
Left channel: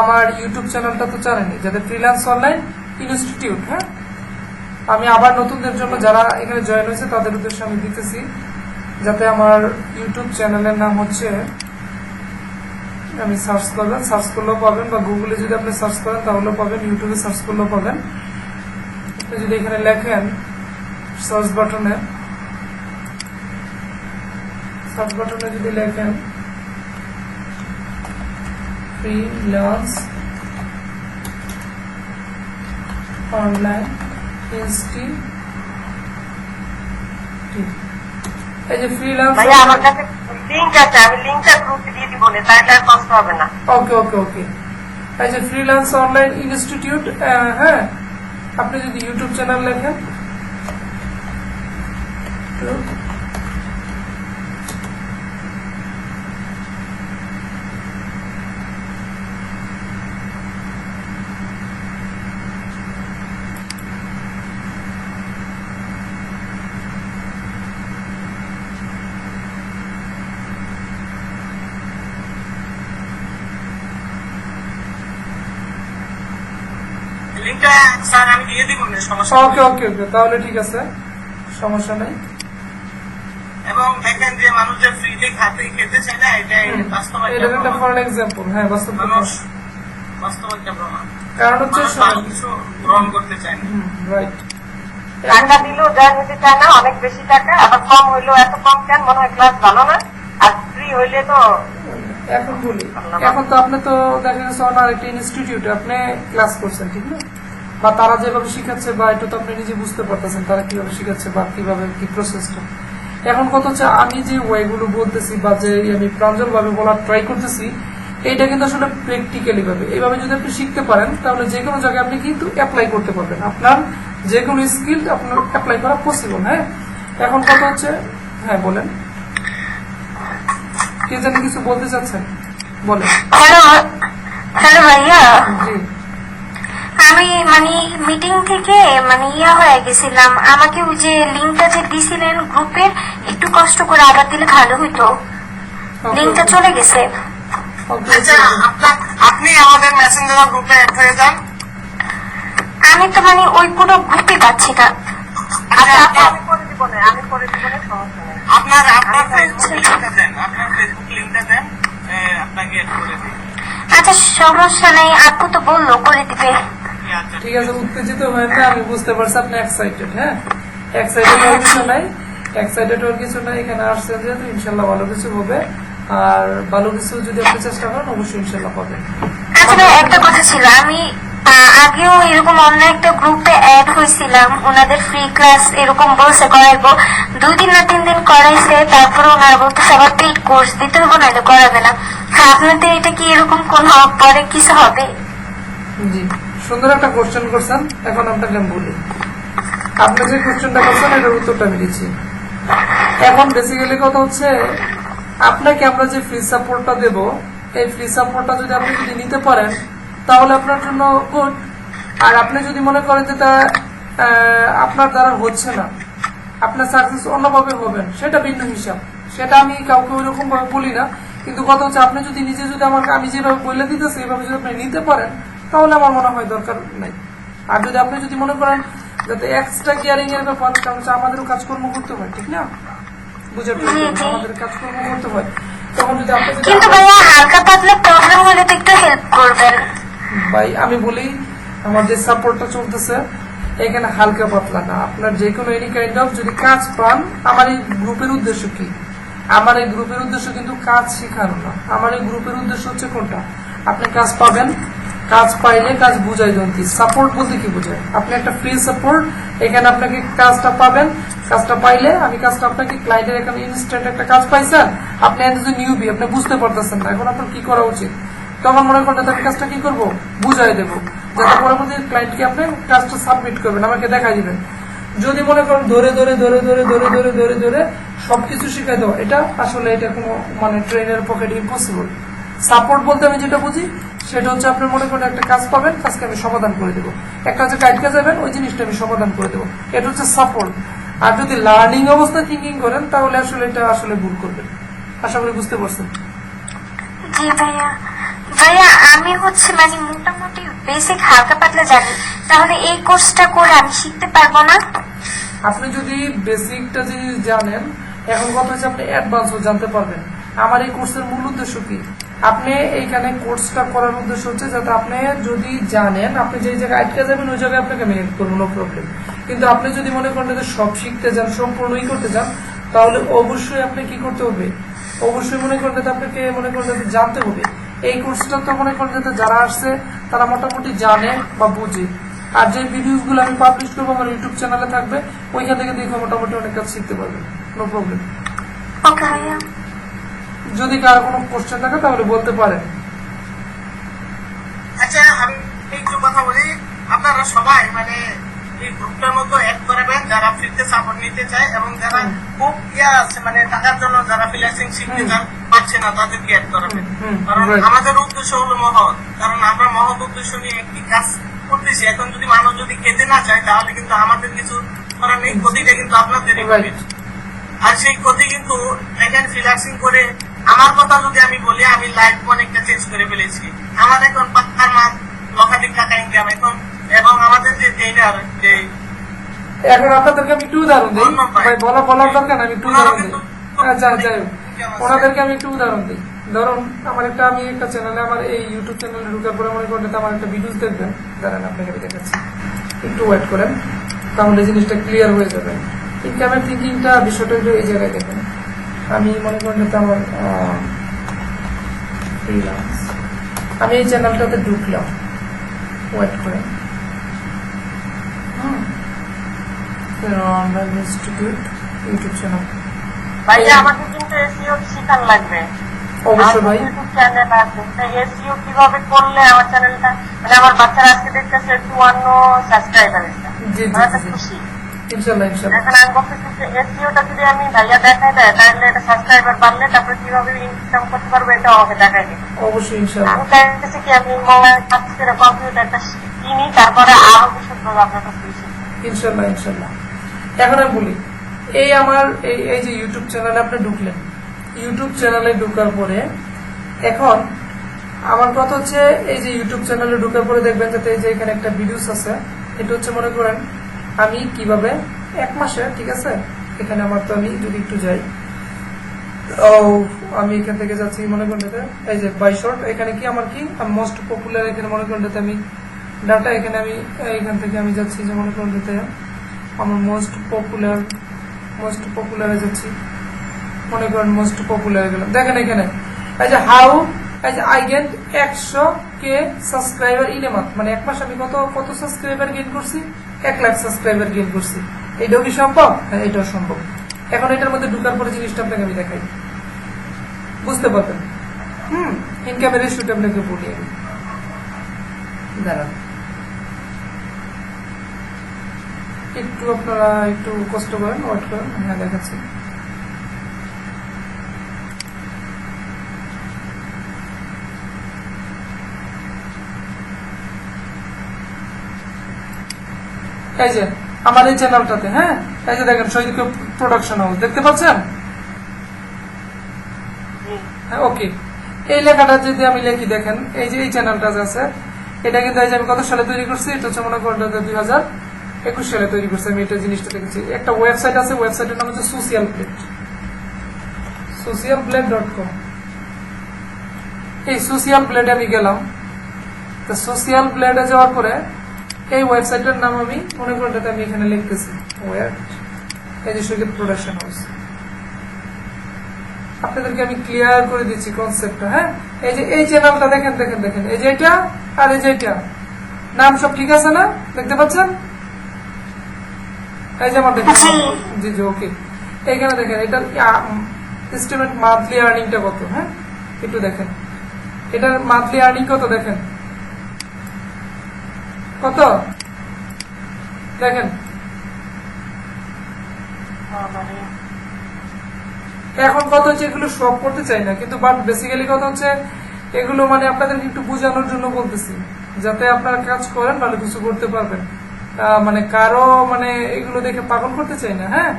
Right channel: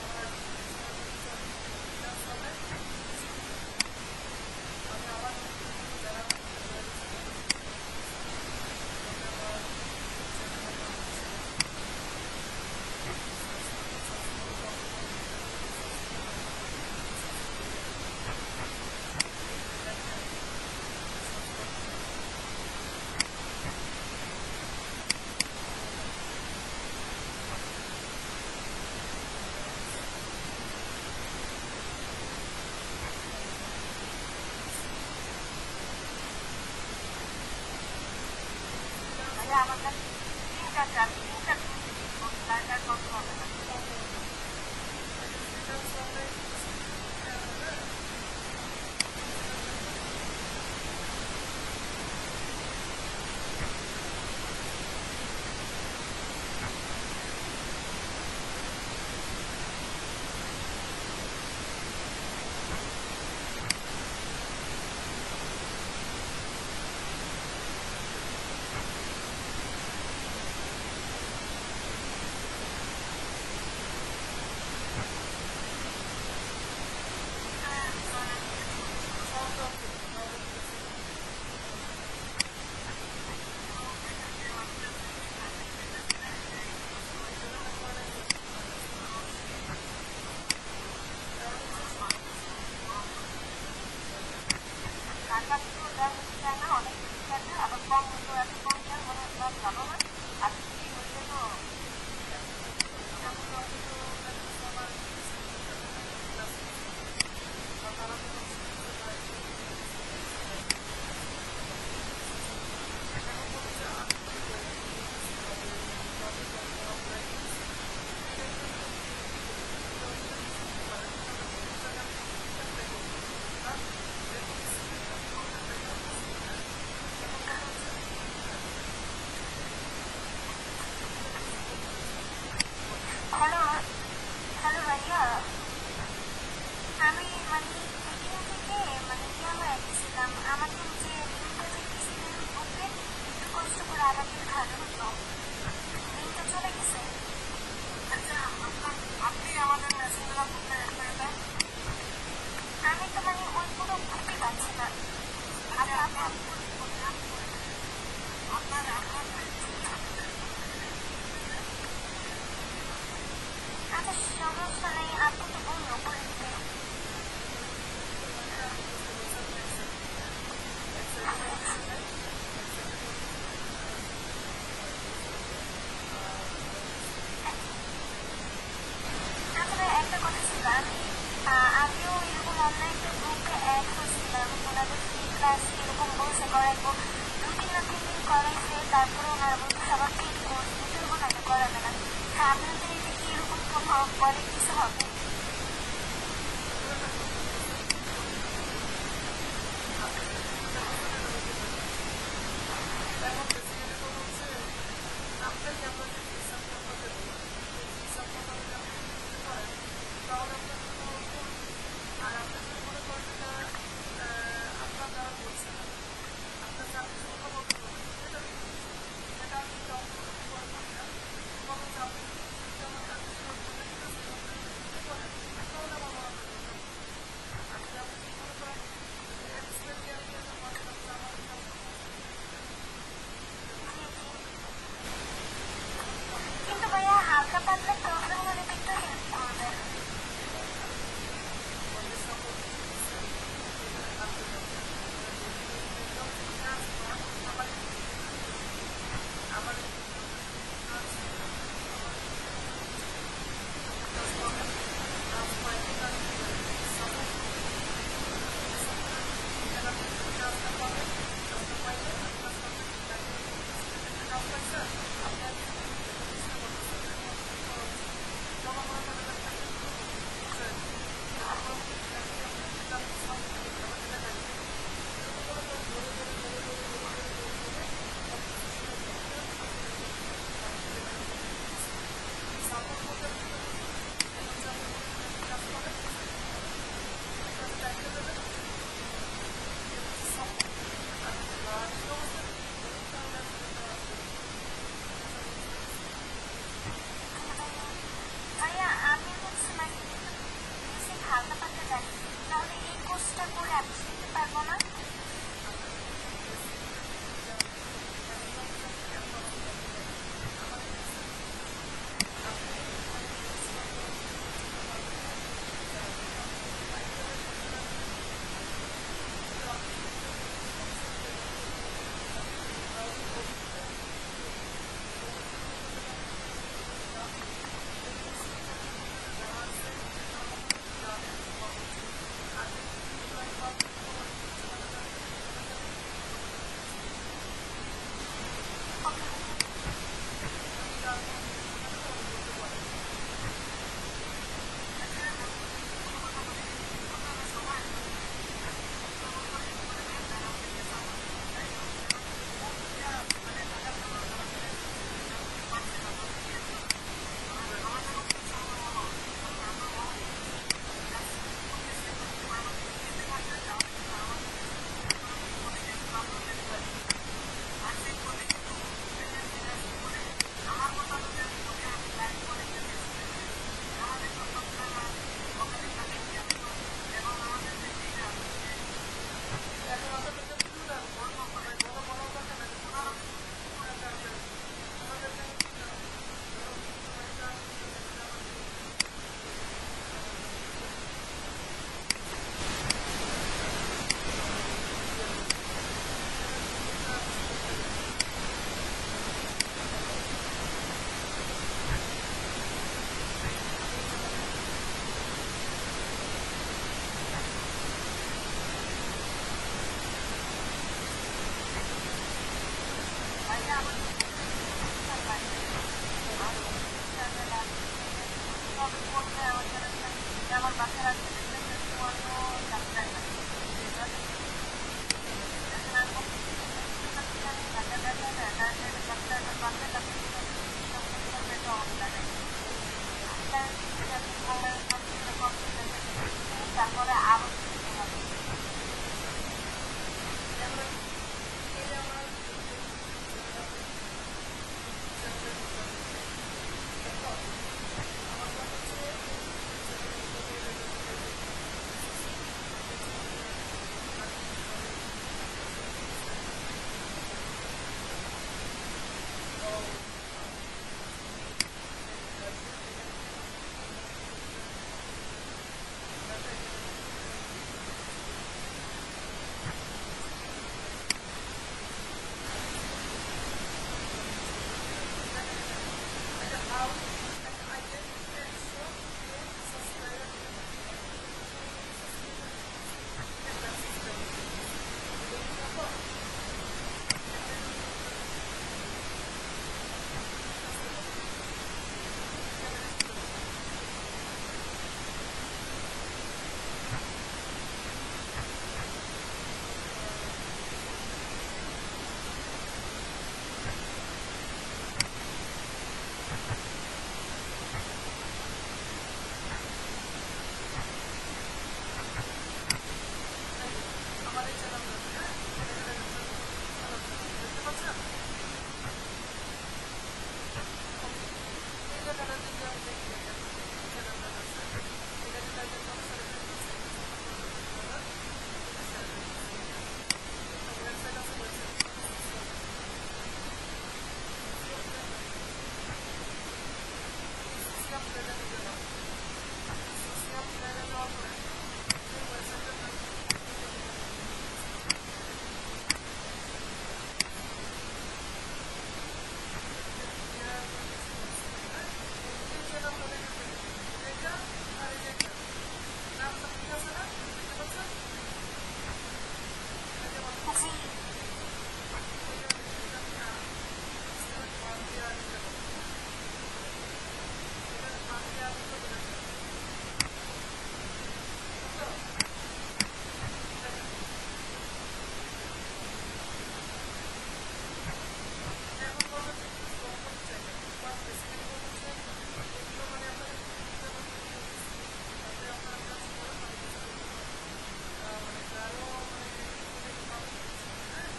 আমার ইউটিউব চ্যানেলটা তো জানেনই, যাতে ফ্রিল্যান্স অনলাইন ইনস্টিটিউট। হ্যাঁ, আমি আবার নতুনদের জন্য যারা এখানে জয়েন হয়েছে তাদের উদ্দেশ্যে আমি দিতেছি, যাতে আমার ইউটিউব চ্যানেলের নাম হচ্ছে, আমি সার্চ করবেন, সার্চ করলেও পাবেন, বা গুগলে যদি আপনি সার্চ করেন তাহলেও পাবেন, ইউটিউবে সার্চ করলেও পাবেন। আপনি যদি এখানে লেখেন সার্চ বাটনে যদি লেখেন ফ্রিল্যান্স অনলাইন ইনস্টিটিউট, এই যে ফ্রিল্যান্স, ভাইয়া আমার কাছে লিংক আছে, আমি লিংকটা গ্রুপে দিয়ে দিব, তাহলে আর কষ্ট হবে না। ওকে ওকে ওকে, এই যে ফ্রিল্যান্স অনলাইন ইনস্টিটিউট। হ্যাঁ, আপনি যদি ইউটিউব চ্যানেল লেখেন, লিঙ্কটা স্যার আমি দিয়ে দিব, সমস্যা ওকে ওকে ওকে, তাহলে ঠিক আছে, সমস্যা নেই। এবং দেখেন যে মানুষ যে ফ্রিতে খেতে চায় না, এটা বাস্তব এটা একটা ফর এক্সাম্পল। হ্যাঁ, বাস্তব মানুষ বাস্তব একটা প্রমাণ, কারণ হচ্ছে মানুষ ভালো কিছু গ্রহণ করতে চায় না। রাইট, টাকা দিলেও জয়েন হতে চায় না, অনেক বেশি টাকা, আবার কম হইলেও এত কম কেন, মনে হয় ক্লাস ভালো না, আর ফ্রি হইলে তো এখন বলি, এখন তো আপনি তো দেখা গেছে অনার একটা ইনস্টিটিউটে আপনি ক্লাস করছেন, ঠিক না? বা তারা যেভাবে শিখাচ্ছে, বা এটা তো আপনি নিজে বুঝতে পারতেছেন তারা কিভাবে শিখাচ্ছে বা কিভাবে কি প্রসেসটা। এখন কত হচ্ছে আমি যে ওয়েগুলো বলতেছি বা যে আমি প্রাঞ্জলভাবে বলার ট্রাই করতেছি, এইটা কিন্তু আসলে প্র্যাকটিক্যালি ভাবে এইভাবে যদি আপনি শিখতে পারেন তাহলে যে কোনো জায়গায় আপনি কিন্তু অ্যাপ্লাই করতে পারবেন, আপনার যে কোনো স্কিল আপনার অ্যাপ্লাই করা পসিবল। হ্যাঁ, এখন কথা হচ্ছে, হ্যাঁ বলেন, কে জানি কিছু বলতে চাচ্ছেন, বলেন। হ্যালো হ্যালো ভাইয়া, জি আমি মানে মিটিং থেকে মানে হয়ে গেছিলাম, আমাকে ওই যে লিঙ্কটা যে দিছিলেন গ্রুপের, একটু কষ্ট করে আবার দিলে ভালো হতো। লিঙ্কটা চলে গেছে। আচ্ছা, আপনি আমাদের মেসেঞ্জার গ্রুপে অ্যাড হয়ে যান। আমি তো মানে ওই কোনো গ্রুপে পাচ্ছি না। আচ্ছা, আমি করে দিব না, সমস্যা নেই। আপনার ফেসবুক লিংকটা দেন, আপনার ফেসবুক লিংকটা দেন, আপনাকে অ্যাড করে দিই। আচ্ছা সমস্যা নেই, আপু তো বললো করে দিবে। আচ্ছা, ঠিক আছে, উত্তেজিত হয়ে না, আমি বুঝতে পারছি আপনি এক্সাইটেড। হ্যাঁ, এক্সাইটেড হওয়ার কিছু নাই, এক্সাইটেড হওয়ার কিছু নাই, এখানে আসছেন যেহেতু ইনশাল্লাহ ভালো কিছু হবে, আর ভালো কিছু যদি আপনি চেষ্টা করেন অবশ্যই ইনশাল্লাহ পাবেন। আচ্ছা ভাই, একটা কথা ছিল, আমি আগেও এরকম অন্য একটা গ্রুপে অ্যাড হয়েছিলাম, ওনাদের ফ্রি ক্লাস এরকম বলছে করাইবো, 2 দিন না 3 দিন করাইছে, তারপরে ওনারা বলতেছে আবার পেইড কোর্স দিতে হবে, না এটা করাবে না। আপনাদের এটা কি এরকম কোন পরে কিছু হবে? জি, সুন্দর একটা কোশ্চেন করছেন। এখন আপনাকে আমি বলি, আপনি যে কোশ্চেনটা করছেন এটার উত্তরটা আমি দিচ্ছি। এখন বেসিক্যালি কথা হচ্ছে, আপনাকে আমরা যে ফ্রি সাপোর্টটা দেব, এই ফ্রি সাপোর্টটা যদি আপনি যদি নিতে পারেন তাহলে আপনার জন্য গুড। আর আপনি যদি মনে করেন যে তা আপনার দ্বারা হচ্ছে না, আপনার সাকসেস অন্যভাবে হবেন, সেটা ভিন্ন হিসাব, সেটা আমি কাউকে ওইরকম ভাবে বলি না। কিন্তু কথা হচ্ছে, আপনি যদি নিজে যদি আমাকে আমি যেভাবে বলে দিতেছি এইভাবে যদি আপনি নিতে পারেন তাহলে আমার মনে হয় দরকার নাই। আর যদি আপনি যদি মনে করেন যাতে এক্সট্রা কেয়ারিং এর ব্যাপার, কারণ হচ্ছে আমাদেরও কাজকর্ম করতে হয়, ঠিক না, বুঝার আমাদের কাজকর্ম করতে হয়, তখন যদি আপনি যদি কিন্তু ভাইয়া হালকা পাতলা প্রবলেম হলে তো একটু হেল্প করবেন। ভাই আমি বলি, আমার যে সাপোর্টটা চলতেছে এখানে হালকা পাতলা না, আপনার যে কোনো এনি কাইন্ড অফ যদি কাজ পান, আমার এই গ্রুপের উদ্দেশ্য কি? আমার এই গ্রুপের উদ্দেশ্য কিন্তু কাজ শেখানো না, আমার এই গ্রুপের উদ্দেশ্য হচ্ছে কোনটা, আপনি কাজ পাবেন, কাজ পাইলে কাজ বুঝাই দেন কি, সাপোর্ট বলতে কি বোঝায়, আপনি একটা ফ্রি সাপোর্ট, এখানে আপনাকে কাজটা পাবেন, কাজটা পাইলে আমি কাজটা আপনাকে ক্লায়েন্টের এখানে ইনস্ট্যান্ট একটা কাজ পাইছেন, আপনি যদি নিউবি, আপনি বুঝতে পারতেছেন না এখন আপনার কি করা উচিত, তখন মনে করেন আমি কাজটা কি করবো, বুঝাই দেবো, যাতে পরবর্তী ক্লায়েন্টকে আপনি কাজটা সাবমিট করবেন, আমাকে দেখাই দিবেন। যদি মনে করেন ধরে ধরে ধরে ধরে ধরে ধরে ধরে ধরে সবকিছু শিখাই দেওয়া, এটা আসলে এটা কোনো মানে ট্রেনের পকেটে ইম্পসিবল। সাপোর্ট বলতে আমি যেটা বুঝি সেটা হচ্ছে, আপনি মনে করেন একটা কাজ পাবেন, কাজকে আমি সমাধান করে দেবো, একটা হচ্ছে কাজকে যাবেন, ওই জিনিসটা আমি সমাধান করে দেবো, এটা হচ্ছে সাপোর্ট। আর যদি লার্নিং অবস্থায় থিঙ্কিং করেন তাহলে আসলে এটা আসলে ভুল করবেন। আশা করি বুঝতে পারছেন। জি ভাইয়া, ভাইয়া আমি হচ্ছে মানে মোটামুটি বেসিক হালকা পাতলা জানি, তাহলে এই কোর্সটা করে আমি শিখতে পারবো না? আপনি যদি বেসিকটা জিনিস জানেন, এখন কথা হচ্ছে আপনি অ্যাডভান্সও জানতে পারবেন। আমার এই কোর্সের মূল উদ্দেশ্য কি, আপনি এইখানে কোর্সটা করার উদ্দেশ্য হচ্ছে যাতে আপনি যদি জানেন, আপনি যে জায়গায় আটকে যাবেন ওই জায়গায় আপনাকে আমি হেল্প করবো, নো প্রবলেম। কিন্তু আপনি যদি মনে করেন যে সব শিখতে যান, সম্পূর্ণই করতে যান, তাহলে অবশ্যই আপনি কি করতে হবে, অবশ্যই মনে করেন যাতে আপনাকে মনে করেন যাতে জানতে হবে। এই কোর্সটা তো মনে করেন যাতে যারা আসছে তারা মোটামুটি জানে বা বুঝে। আর যে ভিডিওসগুলো আমি পাবলিশ করবো আমার ইউটিউব চ্যানেলে থাকবে, ওইখান থেকে দেখে মোটামুটি অনেক কাজ শিখতে পারবেন, নো প্রবলেম। ওকে ভাইয়া। যদি কারো কোনো কোশ্চেন থাকে তাহলে বলতে পারেন। আচ্ছা, আমি একটু কথা বলি, আপনারা সবাই মানে এই গ্রুপটার মধ্যে অ্যাড করাবেন যারা ফ্রিতে সাপোর্ট নিতে চায়, এবং যারা খুব আছে মানে টাকার জন্য যারা ফ্রিল্যান্সিং শিখতে চান পাচ্ছে না, তাদেরকে অ্যাড করাবেন। কারণ আমাদের উদ্দেশ্য হলো মহৎ, কারণ আমরা মহৎ উদ্দেশ্য নিয়ে একটি কাজ করতেছি। এখন যদি মানুষ যদি খেতে না চায় তাহলে কিন্তু আমাদের কিছু করার নেই, ক্ষতিটা কিন্তু আপনাদেরই হবে। আর সেই ক্ষতি কিন্তু এখানে ফ্রিল্যান্সিং করে, আমার কথা যদি আমি বলি, আমি লাইফ অনেকটা চেঞ্জ করে ফেলেছি। আমার এখন পাক্কার মাস লক্ষাধিক টাকা ইনকাম এখন, এবং আমাদের যে ট্রেনার যে এখন আপনাদেরকে আমি একটু উদাহরণ দিই, ভাই বলার দরকার না, আমি একটু উদাহরণ দিই। আচ্ছা যাই হোক, ওনাদেরকে আমি একটু উদাহরণ দিই। ধরুন আমার আমি একটা চ্যানেলে, আমার এই ইউটিউব চ্যানেলে ঢুকার পরে মনে করেন আমার একটা ভিডিওস দেখবেন, দাঁড়ান আপনাকে দেখাচ্ছি, একটু ওয়েট করেন, তাহলে জিনিসটা ক্লিয়ার হয়ে যাবে। ইনকামের থিঙ্কিংটা বিষয়টা হলো এই জায়গায় দেখেন, আমি মনে করেন যাতে আমার আমি এই চ্যানেলটাতে ঢুকলাম, ওয়েট করেন, ইনস্টিটিউট ইউটিউব চ্যানেল। ভাইয়া আমাকে কিন্তু এসইও শিখার লাগবে। অবশ্যই ভাই। ইউটিউব চ্যানেল আছে, এসইও কিভাবে করলে আমার চ্যানেলটা, মানে আমার বাচ্চারা আজকে দেখতেছে 52 সাবস্ক্রাইবার এসেছে, জি জি ওরা তো জি, খুশি। ইনশাল্লাহ ইনশাল্লাহ। এখন আমি বলতেছি যে এসইওটা যদি আমি ভাইয়া দেখাই দেয়, তাহলে এটা সাবস্ক্রাইবার বাড়লে তারপরে কিভাবে ইনকাম করতে পারবো এটা আমাকে দেখাই দিবে। অবশ্যই ইনশাল্লাহ। আমি চাইতেছি কি আমি মোবাইল কম্পিউটারটা কিনি, তারপরে আরো বিশদভাবে আপনার কাছে শিখি। ইনশাল্লাহ ইনশাল্লাহ। এখন আমি বলি, এই আমার এই যে ইউটিউব চ্যানেলে আপনি ঢুকলেন, ইউটিউব চ্যানেলে ঢোকার পরে এখন আমার কথা হচ্ছে এই যে ইউটিউব চ্যানেলে ঢোকার পরে দেখবেন যাতে এই যে এখানে একটা ভিডিওস আছে, এটা হচ্ছে মনে করেন আমি কিভাবে 1 মাসে, ঠিক আছে, এখানে আমার তো আমি যদি একটু যাই, ও আমি এখান থেকে যাচ্ছি মনে করেন এই যে বাই শর্ট, এখানে কি আমার কি মোস্ট পপুলার, এখানে মনে করেন আমি ডাটা, এখানে আমি এইখান থেকে আমি যাচ্ছি যে মনে করেন আমার মোস্ট পপুলারে যাচ্ছি, মনে করেন মোস্ট পপুলার গেলাম, দেখেন এখানে এই যে হাউ এই যে I gain 100K subscriber in a month, মানে 1 মাস আমি কত সাবস্ক্রাইবার গেইন করছি, 1 লাখ সাবস্ক্রাইবার গেইন করছি। এইটাও কি সম্ভব? হ্যাঁ, এটাও সম্ভব। এখন এটার মধ্যে ঢুকার পরে জিনিসটা আপনাকে আমি দেখাই, বুঝতে পারবেন। ইনকামের রেশিওটা আপনাকে বলি আমি, দাঁড়ান একটু, আপনারা একটু কষ্ট করেন, ওয়েট করেন, হ্যাঁ দেখাচ্ছি। এই যে আমার এই চ্যানেলটাতে, হ্যাঁ এই যে দেখেন শহীদ প্রোডাকশন হাউস, দেখতে পাচ্ছেন? হ্যাঁ, ওকে। এই লেখাটা যদি আমি লিখি, দেখেন এই যে এই চ্যানেলটা আছে, এটা কিন্তু এই যে আমি কত সালে তৈরি করছি, এটা হচ্ছে মনে করেন 2021 সালে তৈরি করছি আমি এটা জিনিসটা দেখেছি। একটা ওয়েবসাইট আছে, ওয়েবসাইটের নাম হচ্ছে socialblade.com। এই সোশিয়াল ব্লেডে আমি গেলাম, তো সোশিয়াল ব্লেডে যাওয়ার পরে এই ওয়েবসাইটের নাম আমি মনে করেন আমি এখানে লিখতেছি, এই যে শহীদ প্রোডাকশন হাউস। আপনাদেরকে আমি ক্লিয়ার করে দিচ্ছি কনসেপ্টটা। হ্যাঁ, এই যে এই চ্যানেলটা দেখেন, এই যে এটা আর এই যে এটা, নাম সব ঠিক আছে না? দেখতে পাচ্ছেন? এই যে আমার দেখেন, জি জি, ওকে। এইখানে দেখেন এটার এস্টিমেট মান্থলি আর্নিংটা কত, হ্যাঁ একটু দেখেন, এটার মান্থলি আর্নিং কত দেখেন, কত দেখেন। এখন কথা হচ্ছে এগুলো সব করতে চাই না, কিন্তু বাট বেসিক্যালি কথা হচ্ছে এগুলো মানে আপনাদেরকে একটু বোঝানোর জন্য বলতেছি, যাতে আপনারা কাজ করেন, ভালো কিছু করতে পারবেন। মানে কারো মানে এগুলো দেখে পাগল করতে চাই না। হ্যাঁ,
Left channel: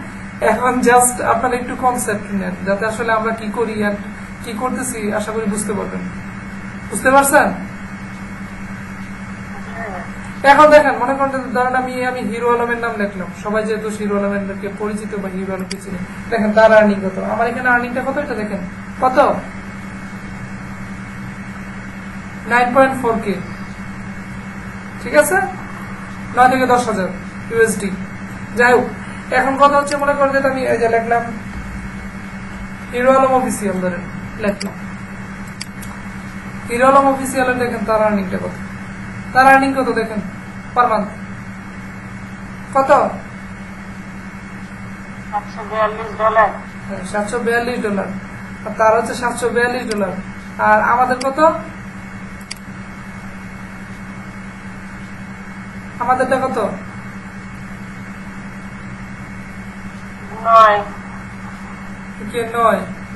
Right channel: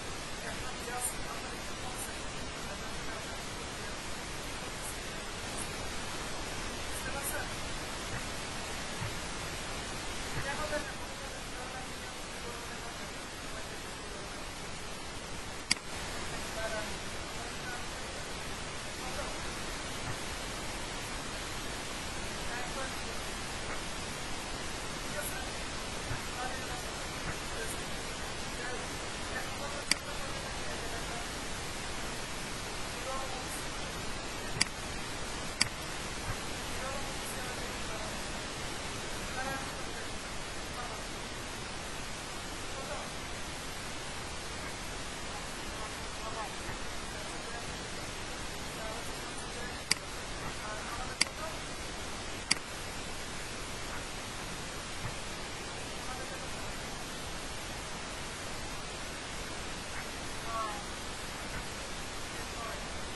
এখন জাস্ট আপনারা একটু কনসেপ্ট নেন, যাতে আসলে আমরা কি করি আর কি করতেছি, আশা করি বুঝতে পারবেন। বুঝতে পারছেন? এখন দেখেন, মনে করেন ধরেন আমি হিরো আলমের নাম লিখলাম, সবাই যেহেতু হিরো আলমেরকে পরিচিত বা হিরো আলমকে চিনি, দেখেন তার আর্নিং কত, আমার এখানে আর্নিংটা কত, এটা দেখেন কত, 9.4K, ঠিক আছে, 9 থেকে 10,000 USD। যাই হোক, এখন কথা হচ্ছে মনে করেন আমি এই যে লিখলাম হিরো আলম অফিসিয়াল, ধরেন লিখলাম হিরো আলম অফিসিয়াল, দেখেন তার আর্নিংটা কত, তার আর্নিং কত দেখেন পার মান্থ কত, $742, আর তার হচ্ছে $742, আর আমাদের কত, আমাদেরটা কত,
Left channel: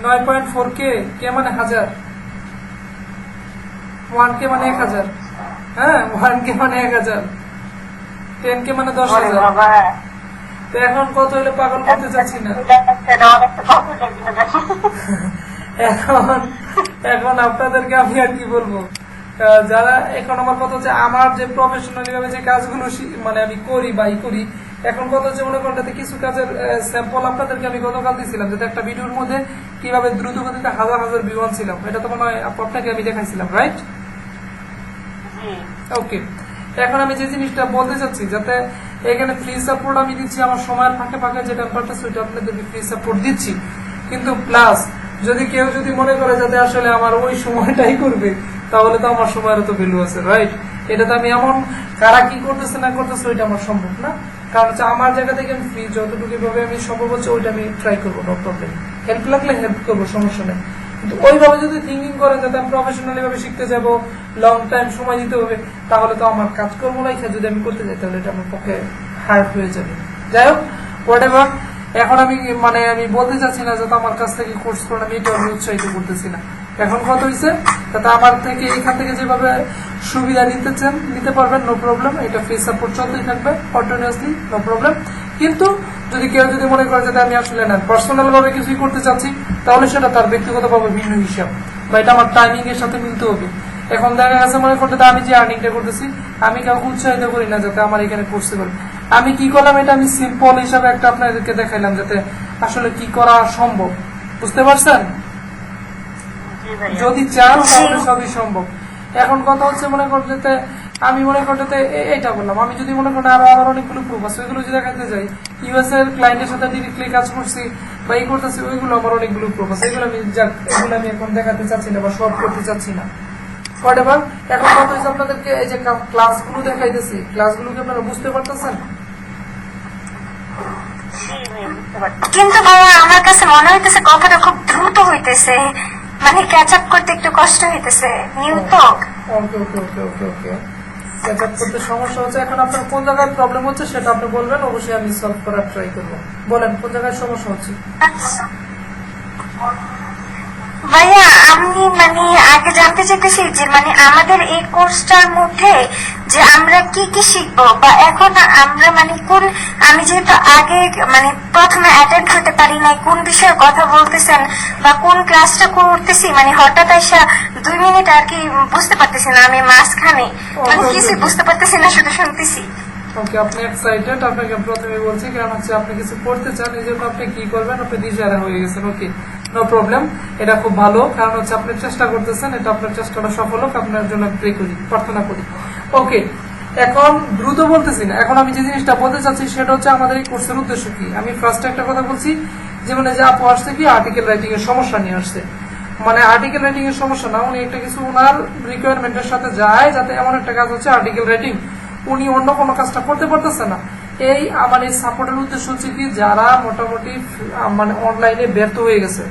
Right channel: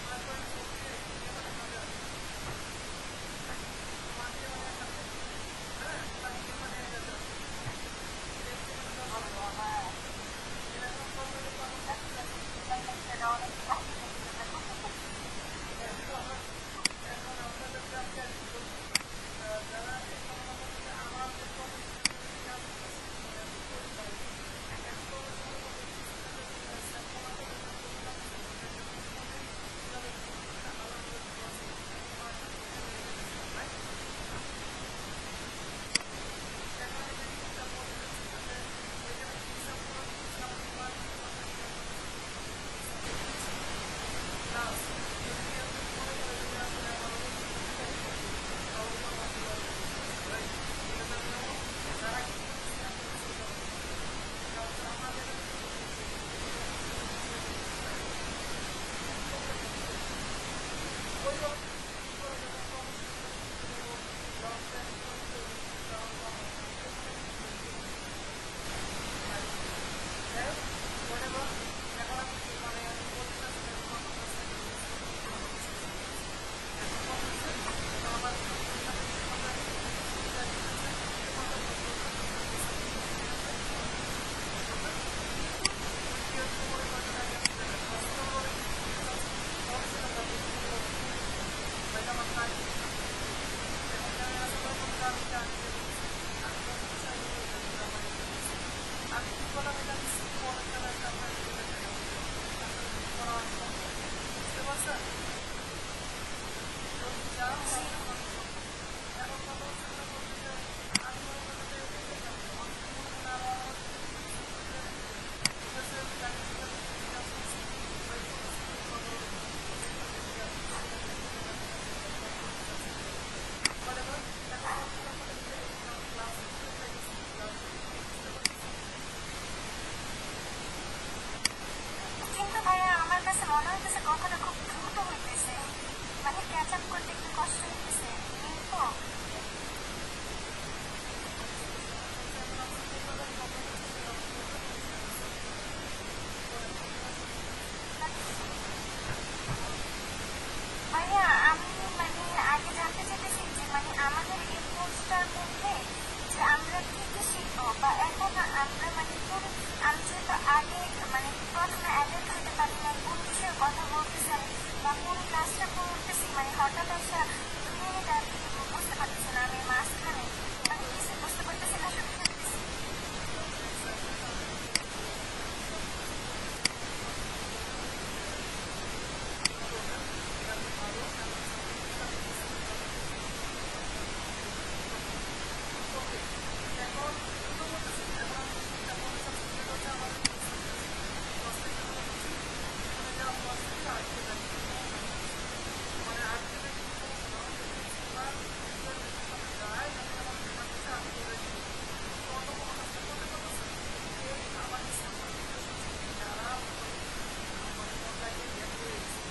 9.4K, কে মানে 1000, 1K মানে 1000, হ্যাঁ 1K মানে 1000, 10K মানে 10,000। তো এখন কত হলে পাগল করতে চাচ্ছি না। এখন আপনাদেরকে আমি আর কি বলবো, যারা এখন আমার কথা হচ্ছে আমার যে প্রফেশনালি ভাবে যে কাজগুলো মানে আমি করি বা করি, এখন কথা হচ্ছে মনে করেন কিছু কাজের স্যাম্পল আপনাদেরকে আমি গতকাল দিয়েছিলাম, যাতে একটা ভিডিওর মধ্যে কিভাবে দ্রুত গতিতে হাজার ভিউ আনছিলাম, এটা তো মনে হয় আপনাকে আমি দেখাইছিলাম, রাইট? ওকে। এখন আমি যে জিনিসটা বলতে চাচ্ছি, যাতে এখানে ফ্রি সাপোর্ট আমি দিচ্ছি, আমার সময়ের ফাঁকে ফাঁকে যেটা পারতেছে ওইটা আপনাদের ফ্রি সাপোর্ট দিচ্ছি, কিন্তু প্লাস যদি কেউ যদি মনে করে যাতে আসলে আমার ওই সময়টাই করবে, তাহলে তো আমার সময়ের তো ভ্যালু আছে, রাইট? এটা তো আমি এমন কারা কি করতেছে না করতেছে ওইটা আমার সম্ভব না, কারণ হচ্ছে আমার জায়গা থেকে আমি ফ্রি যতটুকু ভাবে আমি সম্ভব হচ্ছে ওইটা আমি ট্রাই করবো, নো প্রবলেম। হেল্প লাগলে হেল্প করবো, সমস্যা নেই। কিন্তু ওইভাবে যদি থিঙ্কিং করেন যাতে আমি প্রফেশনালি ভাবে শিখতে যাব, লং টাইম সময় দিতে হবে, তাহলে তো আমার কাজকর্ম লাইফে যদি আমি করতে যাই তাহলে এটা আমার পক্ষে হার্ড হয়ে যাবে। যাই হোক, হোয়াট এভার, এখন আমি আমি বলতে চাচ্ছি না যাতে আমার কাছ থেকে কোর্স করেন, আমি এটা আমি উৎসাহিত করতেছি না। এখন কথা হয়েছে যাতে আমার থেকে এখান থেকে যেভাবে সুবিধা নিতে পারবেন, নো প্রবলেম, এটা ফ্রি সাপোর্ট চলতেই থাকবে কন্টিনিউয়াসলি, নো প্রবলেম। কিন্তু যদি কেউ যদি মনে করে যাতে আমি আসলে না পার্সোনাল ভাবে কিছুই করতে চাচ্ছি, তাহলে সেটা তার ব্যক্তিগতভাবে ভিন্ন হিসাব, বা এটা আমার টাইমিং এর সাথে মিলতে হবে। এখন দেখা গেছে মনে করতে আমি যে আর্নিংটা করতেছি, আমি কাউকে উৎসাহিত করি না যাতে আমার এখানে কোর্সে করি। আমি কি করলাম, এটা আমি সিম্পল হিসাবে একটা আপনাদেরকে দেখাইলাম যাতে আসলে কি করা সম্ভব, বুঝতে পারছেন? জি ভাইয়া। যদি চান তাহলে সবই সম্ভব। এখন কথা হচ্ছে মনে করতে আমি মনে করতে এইটা বললাম, আমি যদি মনে করেন আরো আমার অনেকগুলো প্রুফ আছে, ওইগুলো যদি দেখাতে যাই, ইউএস এর ক্লায়েন্টের সাথে ডিরেক্টলি কাজ করছি বা এই করতেছি, ওইগুলো আমার অনেকগুলো প্রুফ আছে, এগুলো এগুলো আমি এখন দেখাতে চাচ্ছি না বা সব করতে চাচ্ছি না। হোয়াটএভার, এখন কথা হচ্ছে আপনাদেরকে এই যে ক্লাসগুলো দেখাইতেছি, ক্লাসগুলোকে আপনারা বুঝতে পারতেছেন? জি ভাইয়া, বুঝতে পারছি। কিন্তু ভাইয়া আমার কাছে মনে হইতেছে কথাটা খুব দ্রুত হইতেছে, মানে ক্যাচ আপ করতে একটু কষ্ট হইতেছে, নিউ তো। ওকে ওকে ওকে ওকে ওকে, ক্যাচ আপ করতে সমস্যা হচ্ছে। এখন আপনার কোন জায়গায় প্রবলেম হচ্ছে সেটা আপনি বলবেন, অবশ্যই আমি সলভ করার ট্রাই করবো। বলেন কোন জায়গায় সমস্যা হচ্ছে। আচ্ছা। ভাইয়া আমি আগে জানতে চাইতেছি যে আমাদের এই কোর্সটার মধ্যে যে আমরা কি কি শিখবো, বা এখন আমরা কোন, আমি যেহেতু আগে প্রথমে অ্যাটেন্ড হতে পারি নাই, কোন বিষয়ে কথা বলতেছেন বা কোন ক্লাসটা করতেছি হঠাৎ এসে 2 মিনিট আর কি বুঝতে পারতেছি না, আমি মাঝখানে কিছু বুঝতে পারতেছি না, শুধু শুনতেছি। ওকে, আপনি এক্সাইটেড, আপনাকে প্রথমে বলছি কারণ হচ্ছে আপনি কিছু করতে চান, এই জন্য আপনি কি করবেন, আপনি দিশেহারা হয়ে গেছেন। ওকে, নো প্রবলেম, এটা খুব ভালো, কারণ হচ্ছে আপনি চেষ্টা করতেছেন, এটা আপনার চেষ্টাটা সফল হোক, আপনার জন্য প্রে করি, প্রার্থনা করি। ওকে, এখন দ্রুত বলতেছি না, এখন আমি যে জিনিসটা বলতে চাচ্ছি সেটা হচ্ছে আমাদের এই কোর্সের উদ্দেশ্য কি। আমি ফার্স্টে একটা কথা বলছি যে যে আপু আসছে কি আর্টিকেল রাইটিং এর সমস্যা নিয়ে আসছে, আর্টিকেল রাইটিং এর সমস্যা না, উনি একটা কিছু ওনার রিকোয়ারমেন্টের সাথে যায়, যাতে এমন একটা কাজ হচ্ছে আর্টিকেল রাইটিং, উনি অন্য কোনো কাজটা করতে পারতেছে না। এই আমার এই সাপোর্টের উদ্দেশ্য হচ্ছে কি, যারা মোটামুটি অনলাইনে ব্যর্থ হয়ে গেছে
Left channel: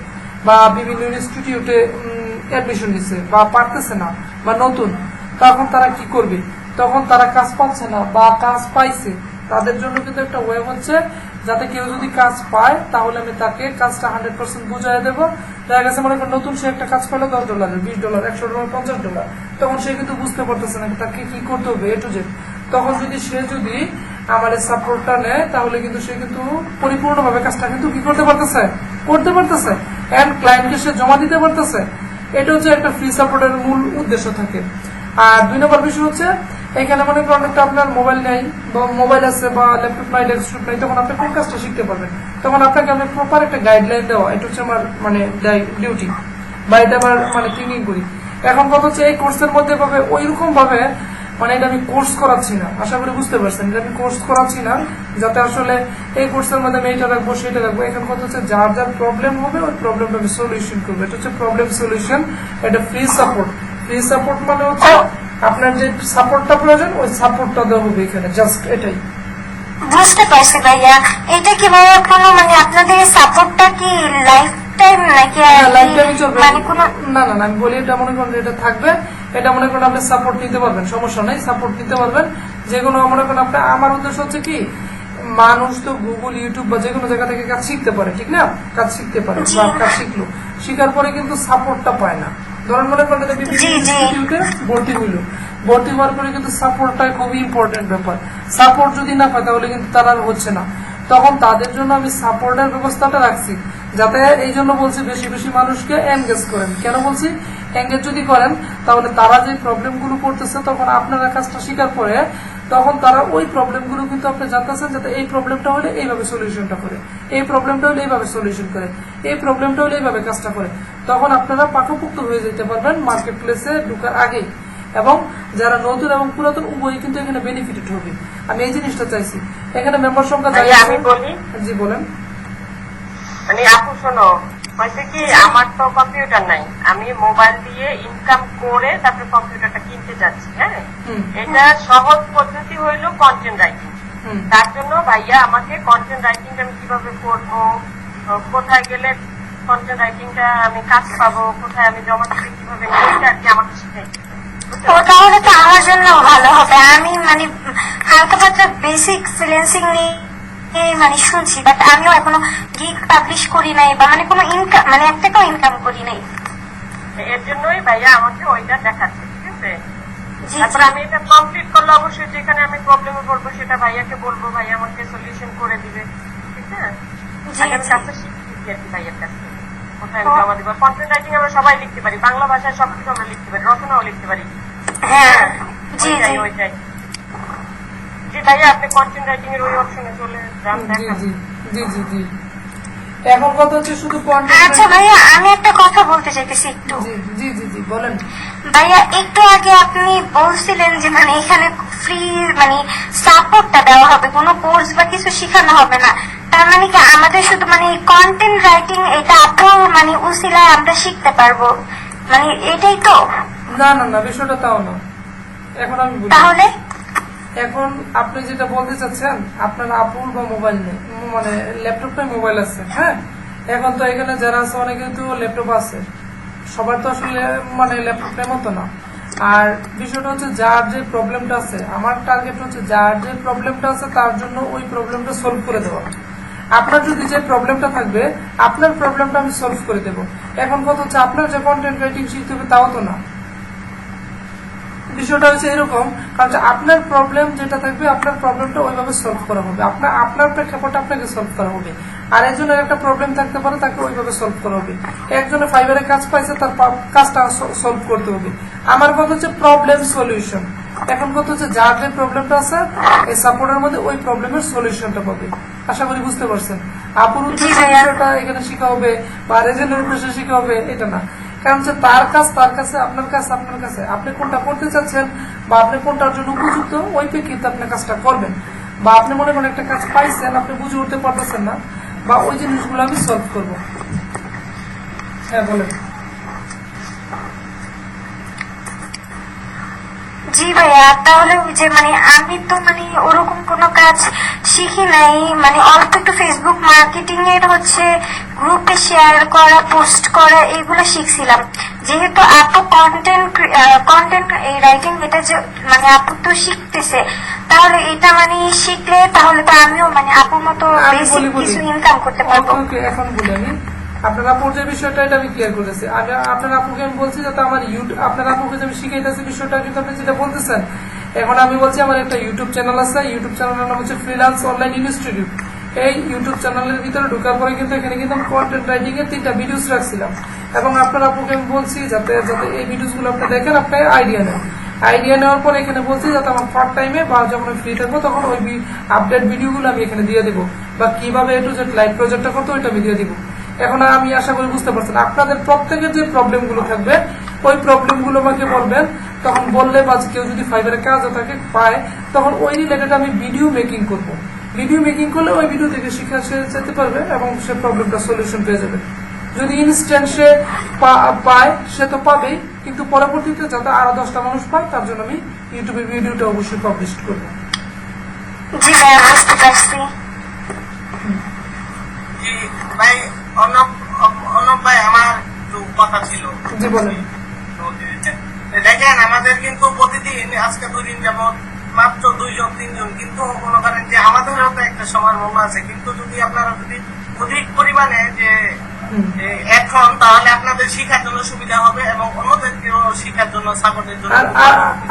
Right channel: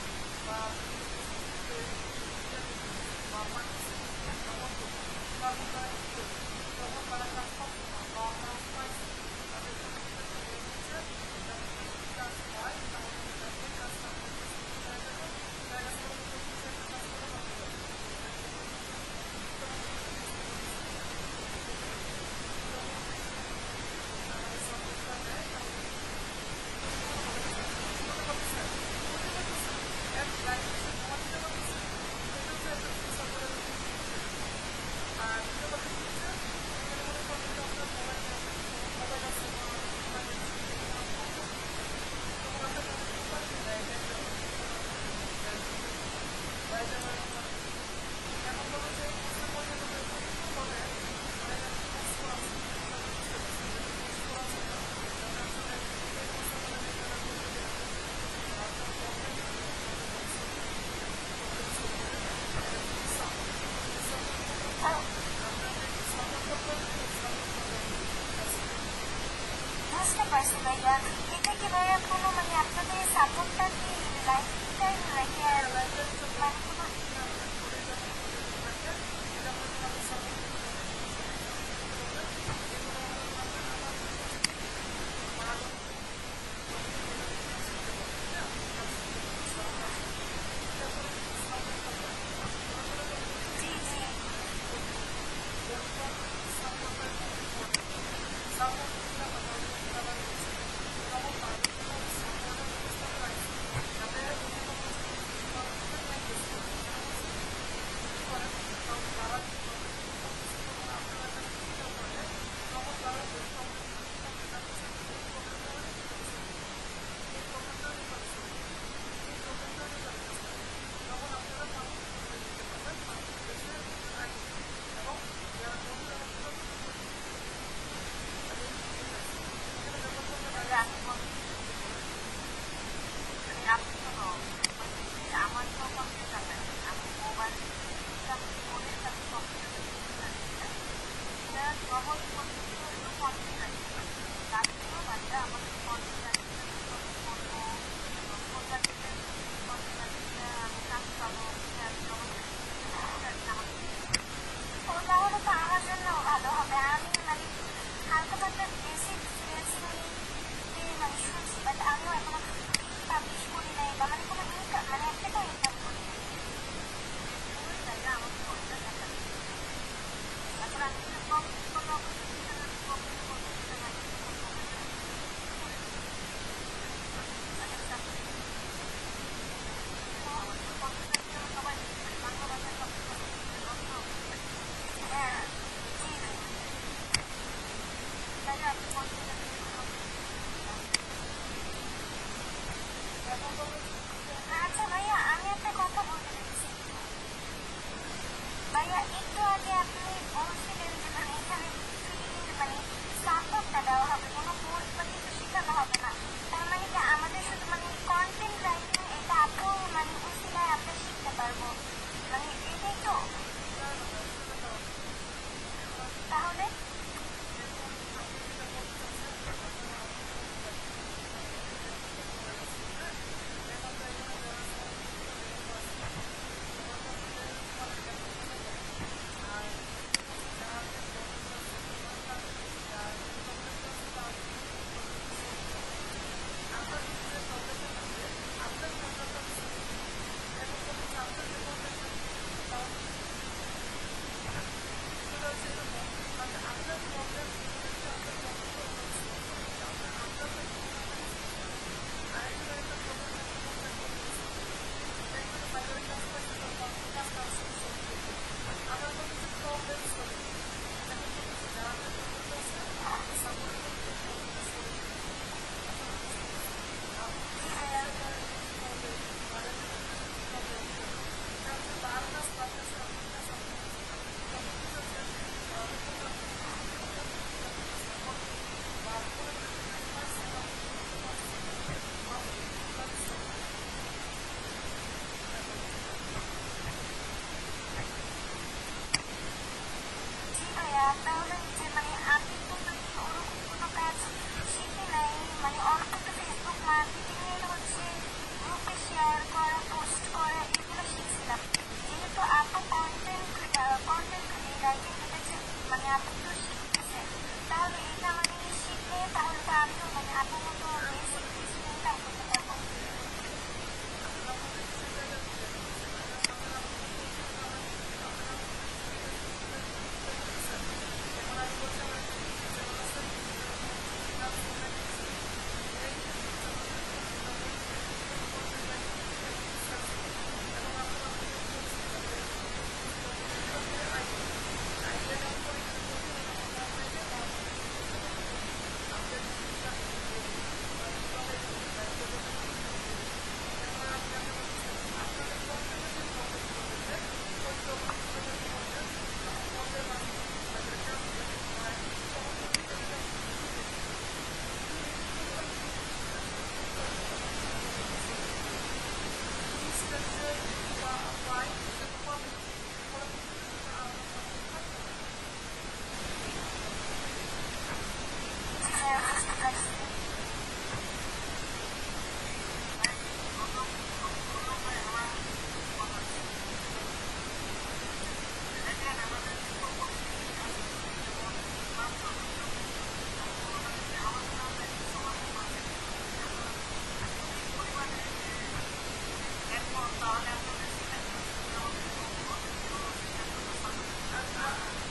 বা বিভিন্ন ইনস্টিটিউটে অ্যাডমিশন নিচ্ছে বা পারতেছে না বা নতুন, তখন তারা কি করবে, তখন তারা কাজ পাচ্ছে না বা কাজ পাইছে, তাদের জন্য কিন্তু একটা ওয়ে হচ্ছে যাতে কেউ যদি কাজ পায় তাহলে আমি তাকে কাজটা 100% বুঝাই দেবো। দেখা গেছে মনে করেন নতুন সে একটা কাজ পেলো $10, $20, $100, $50, তখন সে কিন্তু বুঝতে পারতেছে না তাকে কি করতে হবে এ টু জেড। তখন সে যদি আমার এই সাপোর্টটা নেয় তাহলে কিন্তু সে কিন্তু পরিপূর্ণভাবে কাজটা কিন্তু কি করতে পারতেছে এন্ড ক্লায়েন্টকে সে জমা দিতে পারতেছে। এটা হচ্ছে একটা ফ্রি সাপোর্টের মূল উদ্দেশ্য থাকে। আর 2 নম্বর বিষয় হচ্ছে এখানে মনে করেন একটা আপনার মোবাইল নেই বা মোবাইল আছে বা ল্যাপটপ নাই, ডেস্কটপ নাই, তখন আপনি কোন কাজটা শিখতে পারবেন, তখন আপনাকে আমি প্রপার একটা গাইডলাইন দেওয়া, এটা হচ্ছে আমার ডিউটি বা এটা আমার থিঙ্কিং করি। এখন কথা হচ্ছে এই কোর্সের মধ্যে পাবে ওইরকম ভাবে এটা আমি কোর্স করাচ্ছি না, আশা করি বুঝতে পারছেন যে আমি কোর্স করাচ্ছি না যাতে আসলে এই কোর্সের মধ্যে আমি এইটা রাখবো সেটা রাখবো। এখন কথা হচ্ছে যার যার প্রবলেম হবে ওই প্রবলেমটা আমি সলিউশন করবো, এটা হচ্ছে প্রবলেম সলিউশন, এটা ফ্রি সাপোর্ট। ফ্রি সাপোর্ট হচ্ছে আপনার যে সাপোর্টটা প্রয়োজন ওই সাপোর্টটা দেওয়া হবে এখানে, জাস্ট এটাই। বুঝতে পারছি ভাইয়া, এটা কি ভাইয়া কোনো আপনাদের সাপোর্টটা কি লাইফ টাইম নাকি কোনো? না না, আমি বলি এটা মনে করেন এটা থাকবে, এটা মনে করেন আপনি সাপোর্ট নিতে পারবেন, সমস্যা নেই, সাপোর্ট নিতে পারবেন। যেগুলো মনে করেন আপনি, আমার উদ্দেশ্য হচ্ছে কি মানুষ তো গুগল, ইউটিউব বা যে কোনো জায়গা থেকে কাজ শিখতে পারে, ঠিক না, কাজ শিখতে পারে বা কাজ শিখলো, শিখার পরে কিন্তু সাপোর্টটা পায় না। ধরেন মনে করেন ইনস্টিটিউটে ভর্তি হওয়ার পরে কিন্তু সাপোর্টটা খুবই ইম্পর্টেন্ট ব্যাপার। সাপোর্ট যদি না পায় তাহলে কিন্তু তারা হচ্ছে না, তখন তাদের জন্য আমি সাপোর্টের ব্যবস্থাটা রাখছি, যাতে এই জন্য বলছি বেশি বেশি মানুষকে এনগেজ করেন। কেন বলছি এনগেজ যদি করেন তাহলে তারা যে প্রবলেমগুলো করতেছে তখন আপনারা কাজটা শিকার পরে তখন তারা ওই প্রবলেমগুলো কিন্তু আপনি জানতেছেন, যাতে এই প্রবলেমটা হলে এইভাবে সলিউশনটা করে, এই প্রবলেমটা হলে এইভাবে সলিউশন করে, এই প্রবলেমটা হলে এইভাবে কাজটা করে, তখন আপনারা পাকাপোক্ত হয়ে যেতে পারবেন মার্কেট প্লেসে ঢোকার আগেই। এবং যারা নতুন এবং পুরাতন উভয়ই কিন্তু এখানে বেনিফিটেড হবে, আমি এই জিনিসটা চাইছি। এখানে মেম্বার সংখ্যা আমি বলি, জি বলেন। আপু শোনো, হয়েছে কি আমার তো কম্পিউটার নাই, আমি মোবাইল দিয়ে ইনকাম করে তারপরে কম্পিউটারটা কিনতে যাচ্ছি। হ্যাঁ, এটা সহজ পদ্ধতি হইলো কন্টেন্ট রাইটিং। তার জন্য ভাইয়া আমাকে কন্টেন্ট রাইটিং আমি কিভাবে করবো, কোথায় গেলে কন্টেন্ট রাইটিংটা আমি কাজ পাবো, কোথায় আমি জমা দিতে, কিভাবে, ওইটা আর কি আমাকে শিখাই। ও তাহলে তো আমার জন্য ভালো হবে। আমি মানে হালকা পাতলা বেসিক ফ্রিল্যান্সিং নিয়ে মানে শুনছি, বাট আমিও এখনো গিগ পাবলিশ করি নাই বা মানে কোনো ইনকাম মানে এক টাকাও ইনকাম করি নাই। এর জন্যই ভাইয়া আমাকে ওইটা দেখাচ্ছে, ঠিক আছে? জি তারপর আমি এটা কমপ্লিট করলে অবশ্যই যেখানে আমি প্রবলেমে পড়বো সেটা ভাইয়াকে বলবো, ভাইয়া আমাকে সলিউশন করে দিবে, ঠিক আছে? জি আগে আমি জি। কাজটা শিখছি আর কি ভাইয়ার কাছে, কোথায় আমি জমা দিব। কন্টেন্ট রাইটিং আমরা সবাই লিখতে পারি, বাংলা ভাষায় সবকিছু আমরা লিখতে পারি, রচনাও লিখতে পারি। হ্যাঁ জি ওইটাই জি। ওইটাই জি ভাইয়া, আপনি কন্টেন্ট রাইটিং এর ওই অপশনে চলে যান, জি দেখান। জি জি জি জি। এখন কথা হচ্ছে শুধু কন্টেন্ট। আচ্ছা ভাইয়া, আমি একটা কথা বলতে চাইতেছি একটু। জি জি জি জি বলেন। ভাইয়া একটু আগে আপনি বলছিলেন যে মানে এখানে ফ্রি মানে সাপোর্টটা দেওয়া হবে, কোনো কোর্স বা কিছু শেখানো হবে না। তার মানে কি আমাদের শুধু মানে কন্টেন্ট রাইটিং এটা আপুর মানে উসিলায় আমরা শিখতে পারবো, মানে এটাই তো? না না না, বিষয়টা তাও না। এখন আমি বলি, তাহলে এখন আপনি যেটা বলতে চাচ্ছেন, আপনার আপুর বা মোবাইল নেই, মানে ল্যাপটপে মোবাইল আছে, হ্যাঁ। এখন তো এখানে যারা আছে অনেকে তো ল্যাপটপ আছে, সবার তো আসলে মানে ল্যাপটপের মতো না। আর বিষয়টা হচ্ছে যার যে প্রবলেমটা আছে, আমার টার্গেট হচ্ছে যার যে প্রবলেমটা আছে তার জন্য ওই প্রবলেমটা সলভ করে দেওয়া। আপনার যদি যে প্রবলেমটা থাকবে, আপনার প্রবলেমটা আমি সলভ করে দেবো। এখন কথা হচ্ছে আপনার যে কন্টেন্ট রাইটিং শিখতে হবে তাও তো না। বিষয়টা হচ্ছে এরকম, কারণ যে আপনার প্রবলেম যেটা থাকবে, আপনার প্রবলেমটা ওইভাবে সলভ করা হবে, আপনার প্রেক্ষাপটে আপনাকে সলভ করা হবে। আর একজনের একটা প্রবলেম থাকতে পারে, তাকে ওইভাবে সলভ করা হবে। একজনে ফাইবারে কাজ পাইছে, তার কাজটা সলভ করতে হবে। আমার কথা হচ্ছে প্রবলেম সলিউশন। এখন কথা হচ্ছে যার যে প্রবলেমটা আছে, এই সাপোর্টের মধ্যে ওই প্রবলেমের সলিউশনটা পাবে। আশা করি বুঝতে পারছেন। আপুর উদ্দেশ্যে বিষয়টা এখানে শেখা হবে বা রেজেন্টের উদ্দেশ্যে শেখা হবে এটা না। কারণ হচ্ছে তার কাজ তার কাছে, আপনার কাজ আপনার কাছে। আপনি কোনটা করতে চাচ্ছেন বা আপনি কোনটার জন্য উপযুক্ত, ওই প্রেক্ষিতে আপনি কাজটা করবেন। বা আপনি মনে করেন একটা কাজ পাইছেন, আপনি বুঝে উঠতে পারতেছেন না, বা ওই জিনিসগুলো আমি সলভ করবো। হ্যাঁ বলেন। জি ভাইয়া, তাহলে ওই যে মানে আমি তো মানে ওরকম কোনো কাজ শিখি নাই, মানে অল্প একটু ফেসবুক মার্কেটিং এর হচ্ছে গ্রুপে শেয়ার করা, পোস্ট করা, এগুলো শিখছিলাম। যেহেতু আপু কন্টেন্ট এই রাইটিং এটা যে মানে আপু তো শিখতেছে, তাহলে এটা মানে শিখলে তাহলে তো আমিও মানে আপুর মতো আমি বেসিক বলি কিছু ইনকাম করতে পারবো। ওকে, এখন বলি আমি আপনার আপুর যে বিষয়টা, এটা আমি ক্লিয়ার করেছি। আপনার আপুকে আমি বলছি যাতে আমার আপনার আপুকে যে আমি শিখাইতেছি বিষয়টা কিন্তু আপনি যেটা বলতেছেন। এখন আমি বলছি আমার একটা ইউটিউব চ্যানেল আছে, ইউটিউব চ্যানেলের নাম হচ্ছে ফ্রিল্যান্স অনলাইন ইনস্টিটিউট। এই ইউটিউব চ্যানেলের ভিতরে ঢোকার পরে কিন্তু এখানে কিন্তু আমি কন্টেন্ট রাইটিং এর 3টা ভিডিওস রাখছিলাম, এবং আপনার আপুকে আমি বলছি যাতে যাতে এই ভিডিওসগুলো আপনি দেখেন, আপনি আইডিয়া নেন। আইডিয়া নেওয়ার পরে এখানে বলছি যাতে আমার পার্ট টাইমে বা যখন আমি ফ্রি থাকবো তখন ওই আপডেট ভিডিওগুলো আমি এখানে দিয়ে দেবো, বা কিভাবে একটু যে লাইভ প্রজেক্টটা করতো ওইটা আমি দিয়ে দিব। এখন আমি আশা করি বুঝতে পারছেন। আপনাদের প্রত্যেকের যে প্রবলেমগুলো থাকবে, ওই প্রবলেমগুলো আমাকে বলবেন। তখন বললে বা কেউ যদি ফাইবারে কাজ তাকে পায়, তখন ওই রিলেটেড আমি ভিডিও মেকিং করবো। ভিডিও মেকিং করলে ওই ভিডিও থেকে শিক্ষা সে যেতে পারবে এবং সে প্রবলেমটা সলিউশন পেয়ে যাবে। যদি ইনস্ট্যান্ট সে পায় সে তো পাবেই, কিন্তু পরবর্তীতে যাতে আরো 10টা মানুষ পায় তার জন্য আমি ইউটিউবে ভিডিওটা অবশ্যই পাবলিশ করবো। জি ভাইয়া, বুঝতে পারছি। জি ভাই, অর্ণব ভাই, আমার একটু কথা ছিল। জি বলেন। তো, দেখেন আমাদের কিন্তু প্রতিদিন আজকে 2 দিন যেমন মাত্র 2 জন 3 জন, কিন্তু মনে করেন যে আমাদেরও তো একটা সময় মনে আছে, কিন্তু যদি আপনারা যদি অধিক পরিমাণে যে এখন, তাহলে আপনাদের শিক্ষার জন্য সুবিধা হবে এবং অন্যদেরকেও শিক্ষার জন্য সাপোর্টের জন্য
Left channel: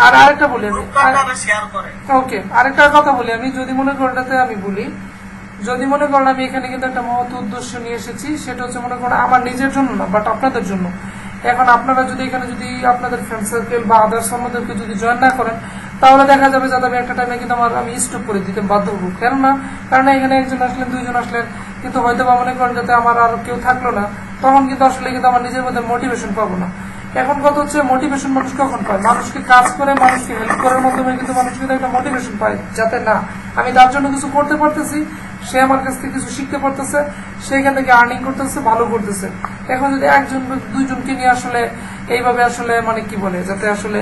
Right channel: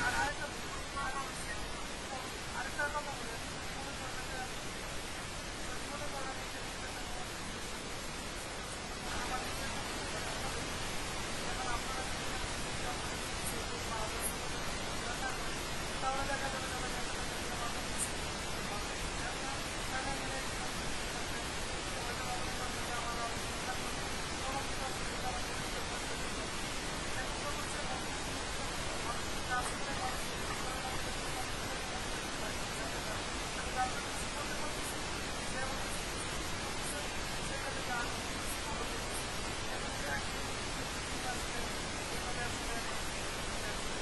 আর আরেকটা বলি আমি, আপনারা শেয়ার করেন। ওকে, আরেকটা কথা বলি আমি, যদি মনে করেন এটাতে আমি বলি, যদি মনে করেন আমি এখানে কিন্তু একটা মহৎ উদ্দেশ্য নিয়ে এসেছি, সেটা হচ্ছে মনে করেন আমার নিজের জন্য না, বাট আপনাদের জন্য। এখন আপনারা যদি এখানে যদি আপনাদের ফ্রেন্ড সার্কেল বা আদার্স অন্যদেরকে যদি জয়েন না করেন, তাহলে দেখা যাবে যাতে আমি একটা টাইমে কিন্তু আমি স্টপ করে দিতে বাধ্য হবো। কেননা কারণ এখানে একজন আসলেন, 2 জন আসলেন, কিন্তু হয়তো বা মনে করেন যাতে আমার আর কেউ থাকলো না, তখন কিন্তু আসলে কিন্তু আমার নিজের মধ্যে মোটিভেশন পাবো না। এখন কথা হচ্ছে মোটিভেশন মানুষ কখন পায়? মানুষকে কাজ করে, মানুষকে হেল্প করার মাধ্যমে কিন্তু মানুষ কিন্তু একটা মোটিভেশন পায়, যাতে না আমি তার জন্য কিছু করতে পারতেছি, সে আমার কাছ থেকে কিছু শিখতে পারতেছে, সেখান থেকে আর্নিং করতেছে, ভালো করতেছে। এখন যদি 1 জন 2 জনকে নিয়ে আসলে এইভাবে আসলে মানে কি বলে, যাতে আসলে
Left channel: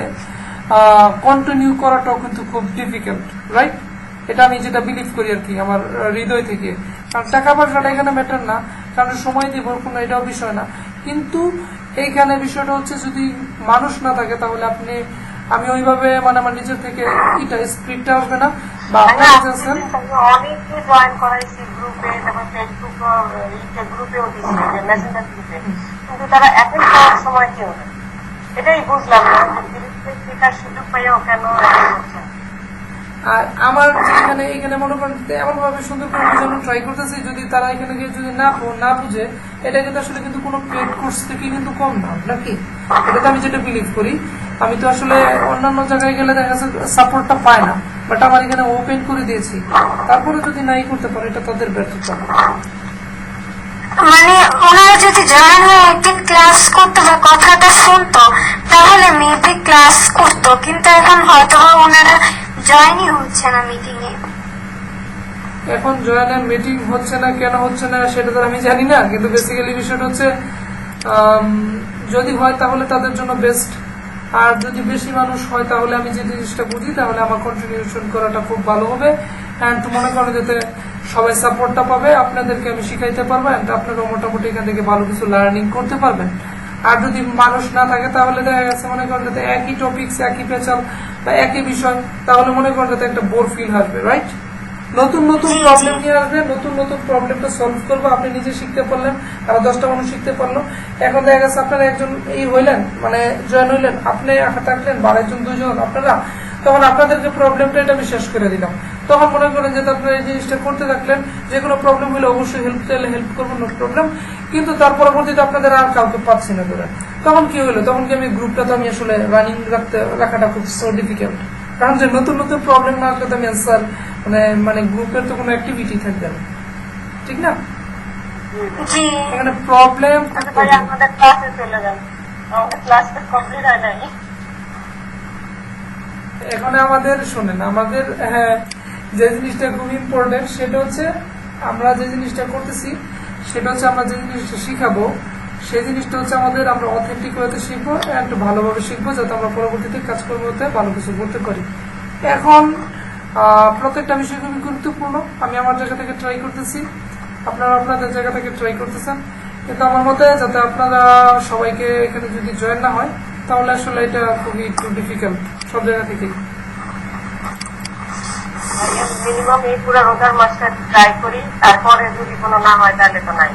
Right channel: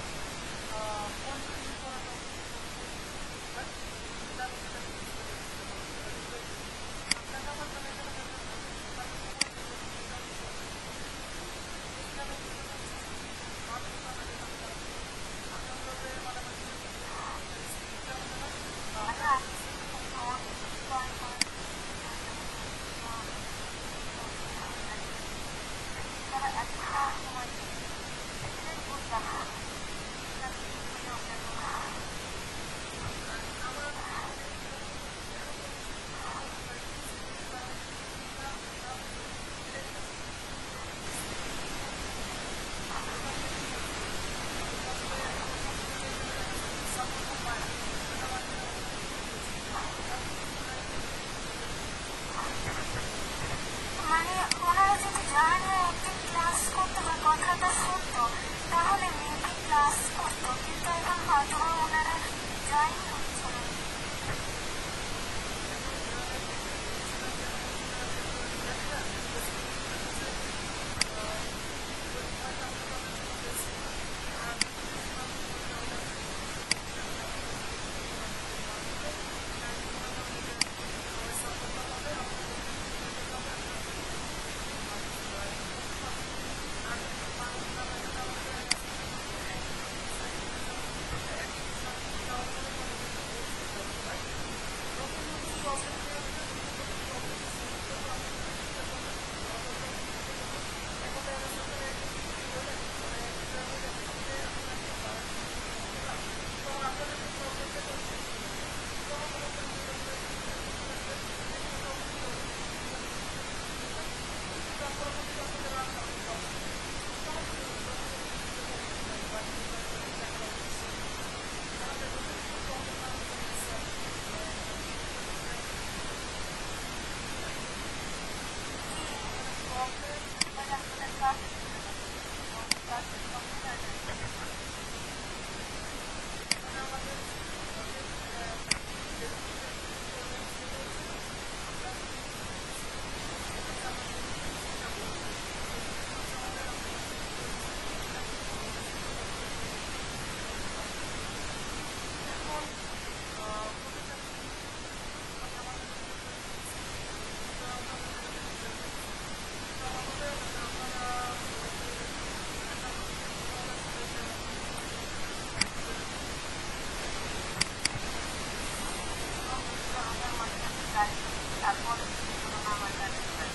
কন্টিনিউ করাটাও কিন্তু খুব ডিফিকাল্ট, রাইট? এটা আমি যেটা বিলিভ করি আর কি আমার হৃদয় থেকে। কারণ টাকা পয়সাটা এখানে ম্যাটার না, কারণ সময় দিব কোনো এটাও বিষয় না, কিন্তু এইখানে বিষয়টা হচ্ছে যদি মানুষ না থাকে তাহলে আমি ওইভাবে মানে আমার নিজের থেকে এটা স্পিডটা আসবে না, বা আপনার কাছে আছেন অনেককে জয়েন করাইছি গ্রুপে, তারপর ফেসবুক গ্রুপেও দিচ্ছি, মেসেঞ্জার গ্রুপে, কিন্তু তারা অ্যাটেন্ড করার সময় কেউ নেই। এটাই বুঝলাম না যে গ্রুপে শেখার সুযোগ পাইও কেন attend করছে না। আর আমার যে এখানে মনে করেন এমন ভাবে সুন্দর করে বোঝানোর ট্রাই করতেছি, যদি তারা এখানে গিয়ে যদি না বুঝে, এটা কিন্তু আসলে কিন্তু কোনো পেড কোর্স থেকে কিন্তু কম না, নাকি? এটাতে আমি যেটা বিলিভ করি, আমি তো আসলে অন্যান্য জায়গায় গেলে দেখা যাচ্ছে সাপোর্টটা পায় না, বাট আমার এখানে ওপেন করে দিয়েছি, তারপরে যদি নাই করতে পারে এটা তাদের ব্যর্থতা। মানে ওনারা যদি জয়েন হয়ে একদিন ক্লাস করতো বা কথাটা শুনতো তাহলে মেবি ক্লাস করতো, কিন্তু এখন হয়তো ওনারা জয়েনই হচ্ছে না মিটিং এ। এখন জয়েনের মিটিং হচ্ছে না, কেন হচ্ছে না সেটা তো আমি জানি না, কিন্তু বেসিক্যালি বিষয়টা হচ্ছে যদি হয় তাহলে তাদের জন্য বেস্ট, আর যদি বেশি মানুষ হয় তাহলে আমি যে জিনিসটা বুঝি তাহলে আমার কন্ট্রিবিউশন করাটা খুব ভালো হবে, অ্যান্ড মনে করেন যাতে সবাই সাপোর্টটা পাবে, আপনাদেরকে আমি শিখাইতে পারবো, অ্যান্ড আপনারাও মোটামুটি এখান থেকে ভালো কিছু লার্নিং করতে পারবেন। আর যদি মানুষ না থাকে তাহলে দেখা গেছে মনে করেন যাতে একই টপিকস, একই পেঁচাল বা একই বিষয়, তাহলে মনে করেন যাতে একটা বোর ফিল আসবে, রাইট? নতুন নতুন প্রবলেম নিয়ে আসবে, নতুন নতুন প্রবলেমটা সলভ করবো, আপনি নিজে শিখতে পারলেন, আরো 10টা মানুষ শিখতে পারলো। এখন দেখা গেছে আপনারা একজন হইলেন, মানে জয়েন হইলেন, আপনি একা থাকলেন, বা একজন 2জন আপনারা, তখন আপনাদেরকে প্রবলেমটা এটা আমি শেষ করে দিলাম, তখন মনে করেন যে আপনারা এই জিনিসটা করতে থাকলেন, যে কোনো প্রবলেম হলে অবশ্যই হেল্প করবেন, নো প্রবলেম, কিন্তু তার পরবর্তীতে আপনাদের আর কাউকে পাচ্ছি না ধরে, তখন কি হলো, তখন কি আমি গ্রুপটা তো আমি আসলে রানিং রাখাটা খুব সো ডিফিকাল্ট, কারণ যে নতুন নতুন প্রবলেম না আসলে তো আমি অ্যান্সার মানে গ্রুপের তো কোনো অ্যাক্টিভিটি থাকবে না, ঠিক না? জি এখানে প্রবলেম আচ্ছা ভাই, আমাদের ক্লাসে চলে যান, আমাদের ক্লাস কমপ্লিট হয় নাই। এখানে আমাদের শোনেন, আমাদের যে জিনিসটা খুব ইম্পর্টেন্ট সেটা হচ্ছে আমরা যে জিনিসটা করতেছি সেটা হচ্ছে আমরা যে জিনিসটা শিখাবো সেই জিনিসটা হচ্ছে আমরা অথেন্টিক ওয়েতে শিখবো, অ্যান্ড ভালোভাবে শিখবো, যাতে আমরা পরবর্তীতে কাজকর্মতে ভালো কিছু করতে পারি। এখন প্রত্যেকটা বিষয় খুবই গুরুত্বপূর্ণ, আমি আমার জায়গা থেকে ট্রাই করতেছি, আপনারা আপনাদের জায়গা থেকে ট্রাই করতেছেন, কিন্তু আমার মতে যাতে আপনারা সবাইকে এখানে যদি জয়েন না হয় তাহলে আসলে এটা খুবই একটু ডিফিকাল্ট সব জায়গা থেকেই। মিনিমাম এই পুরো রোজার মাসটা ট্রাই করি, তারপরে যদি কোনো না হয় তাহলে তো নাই।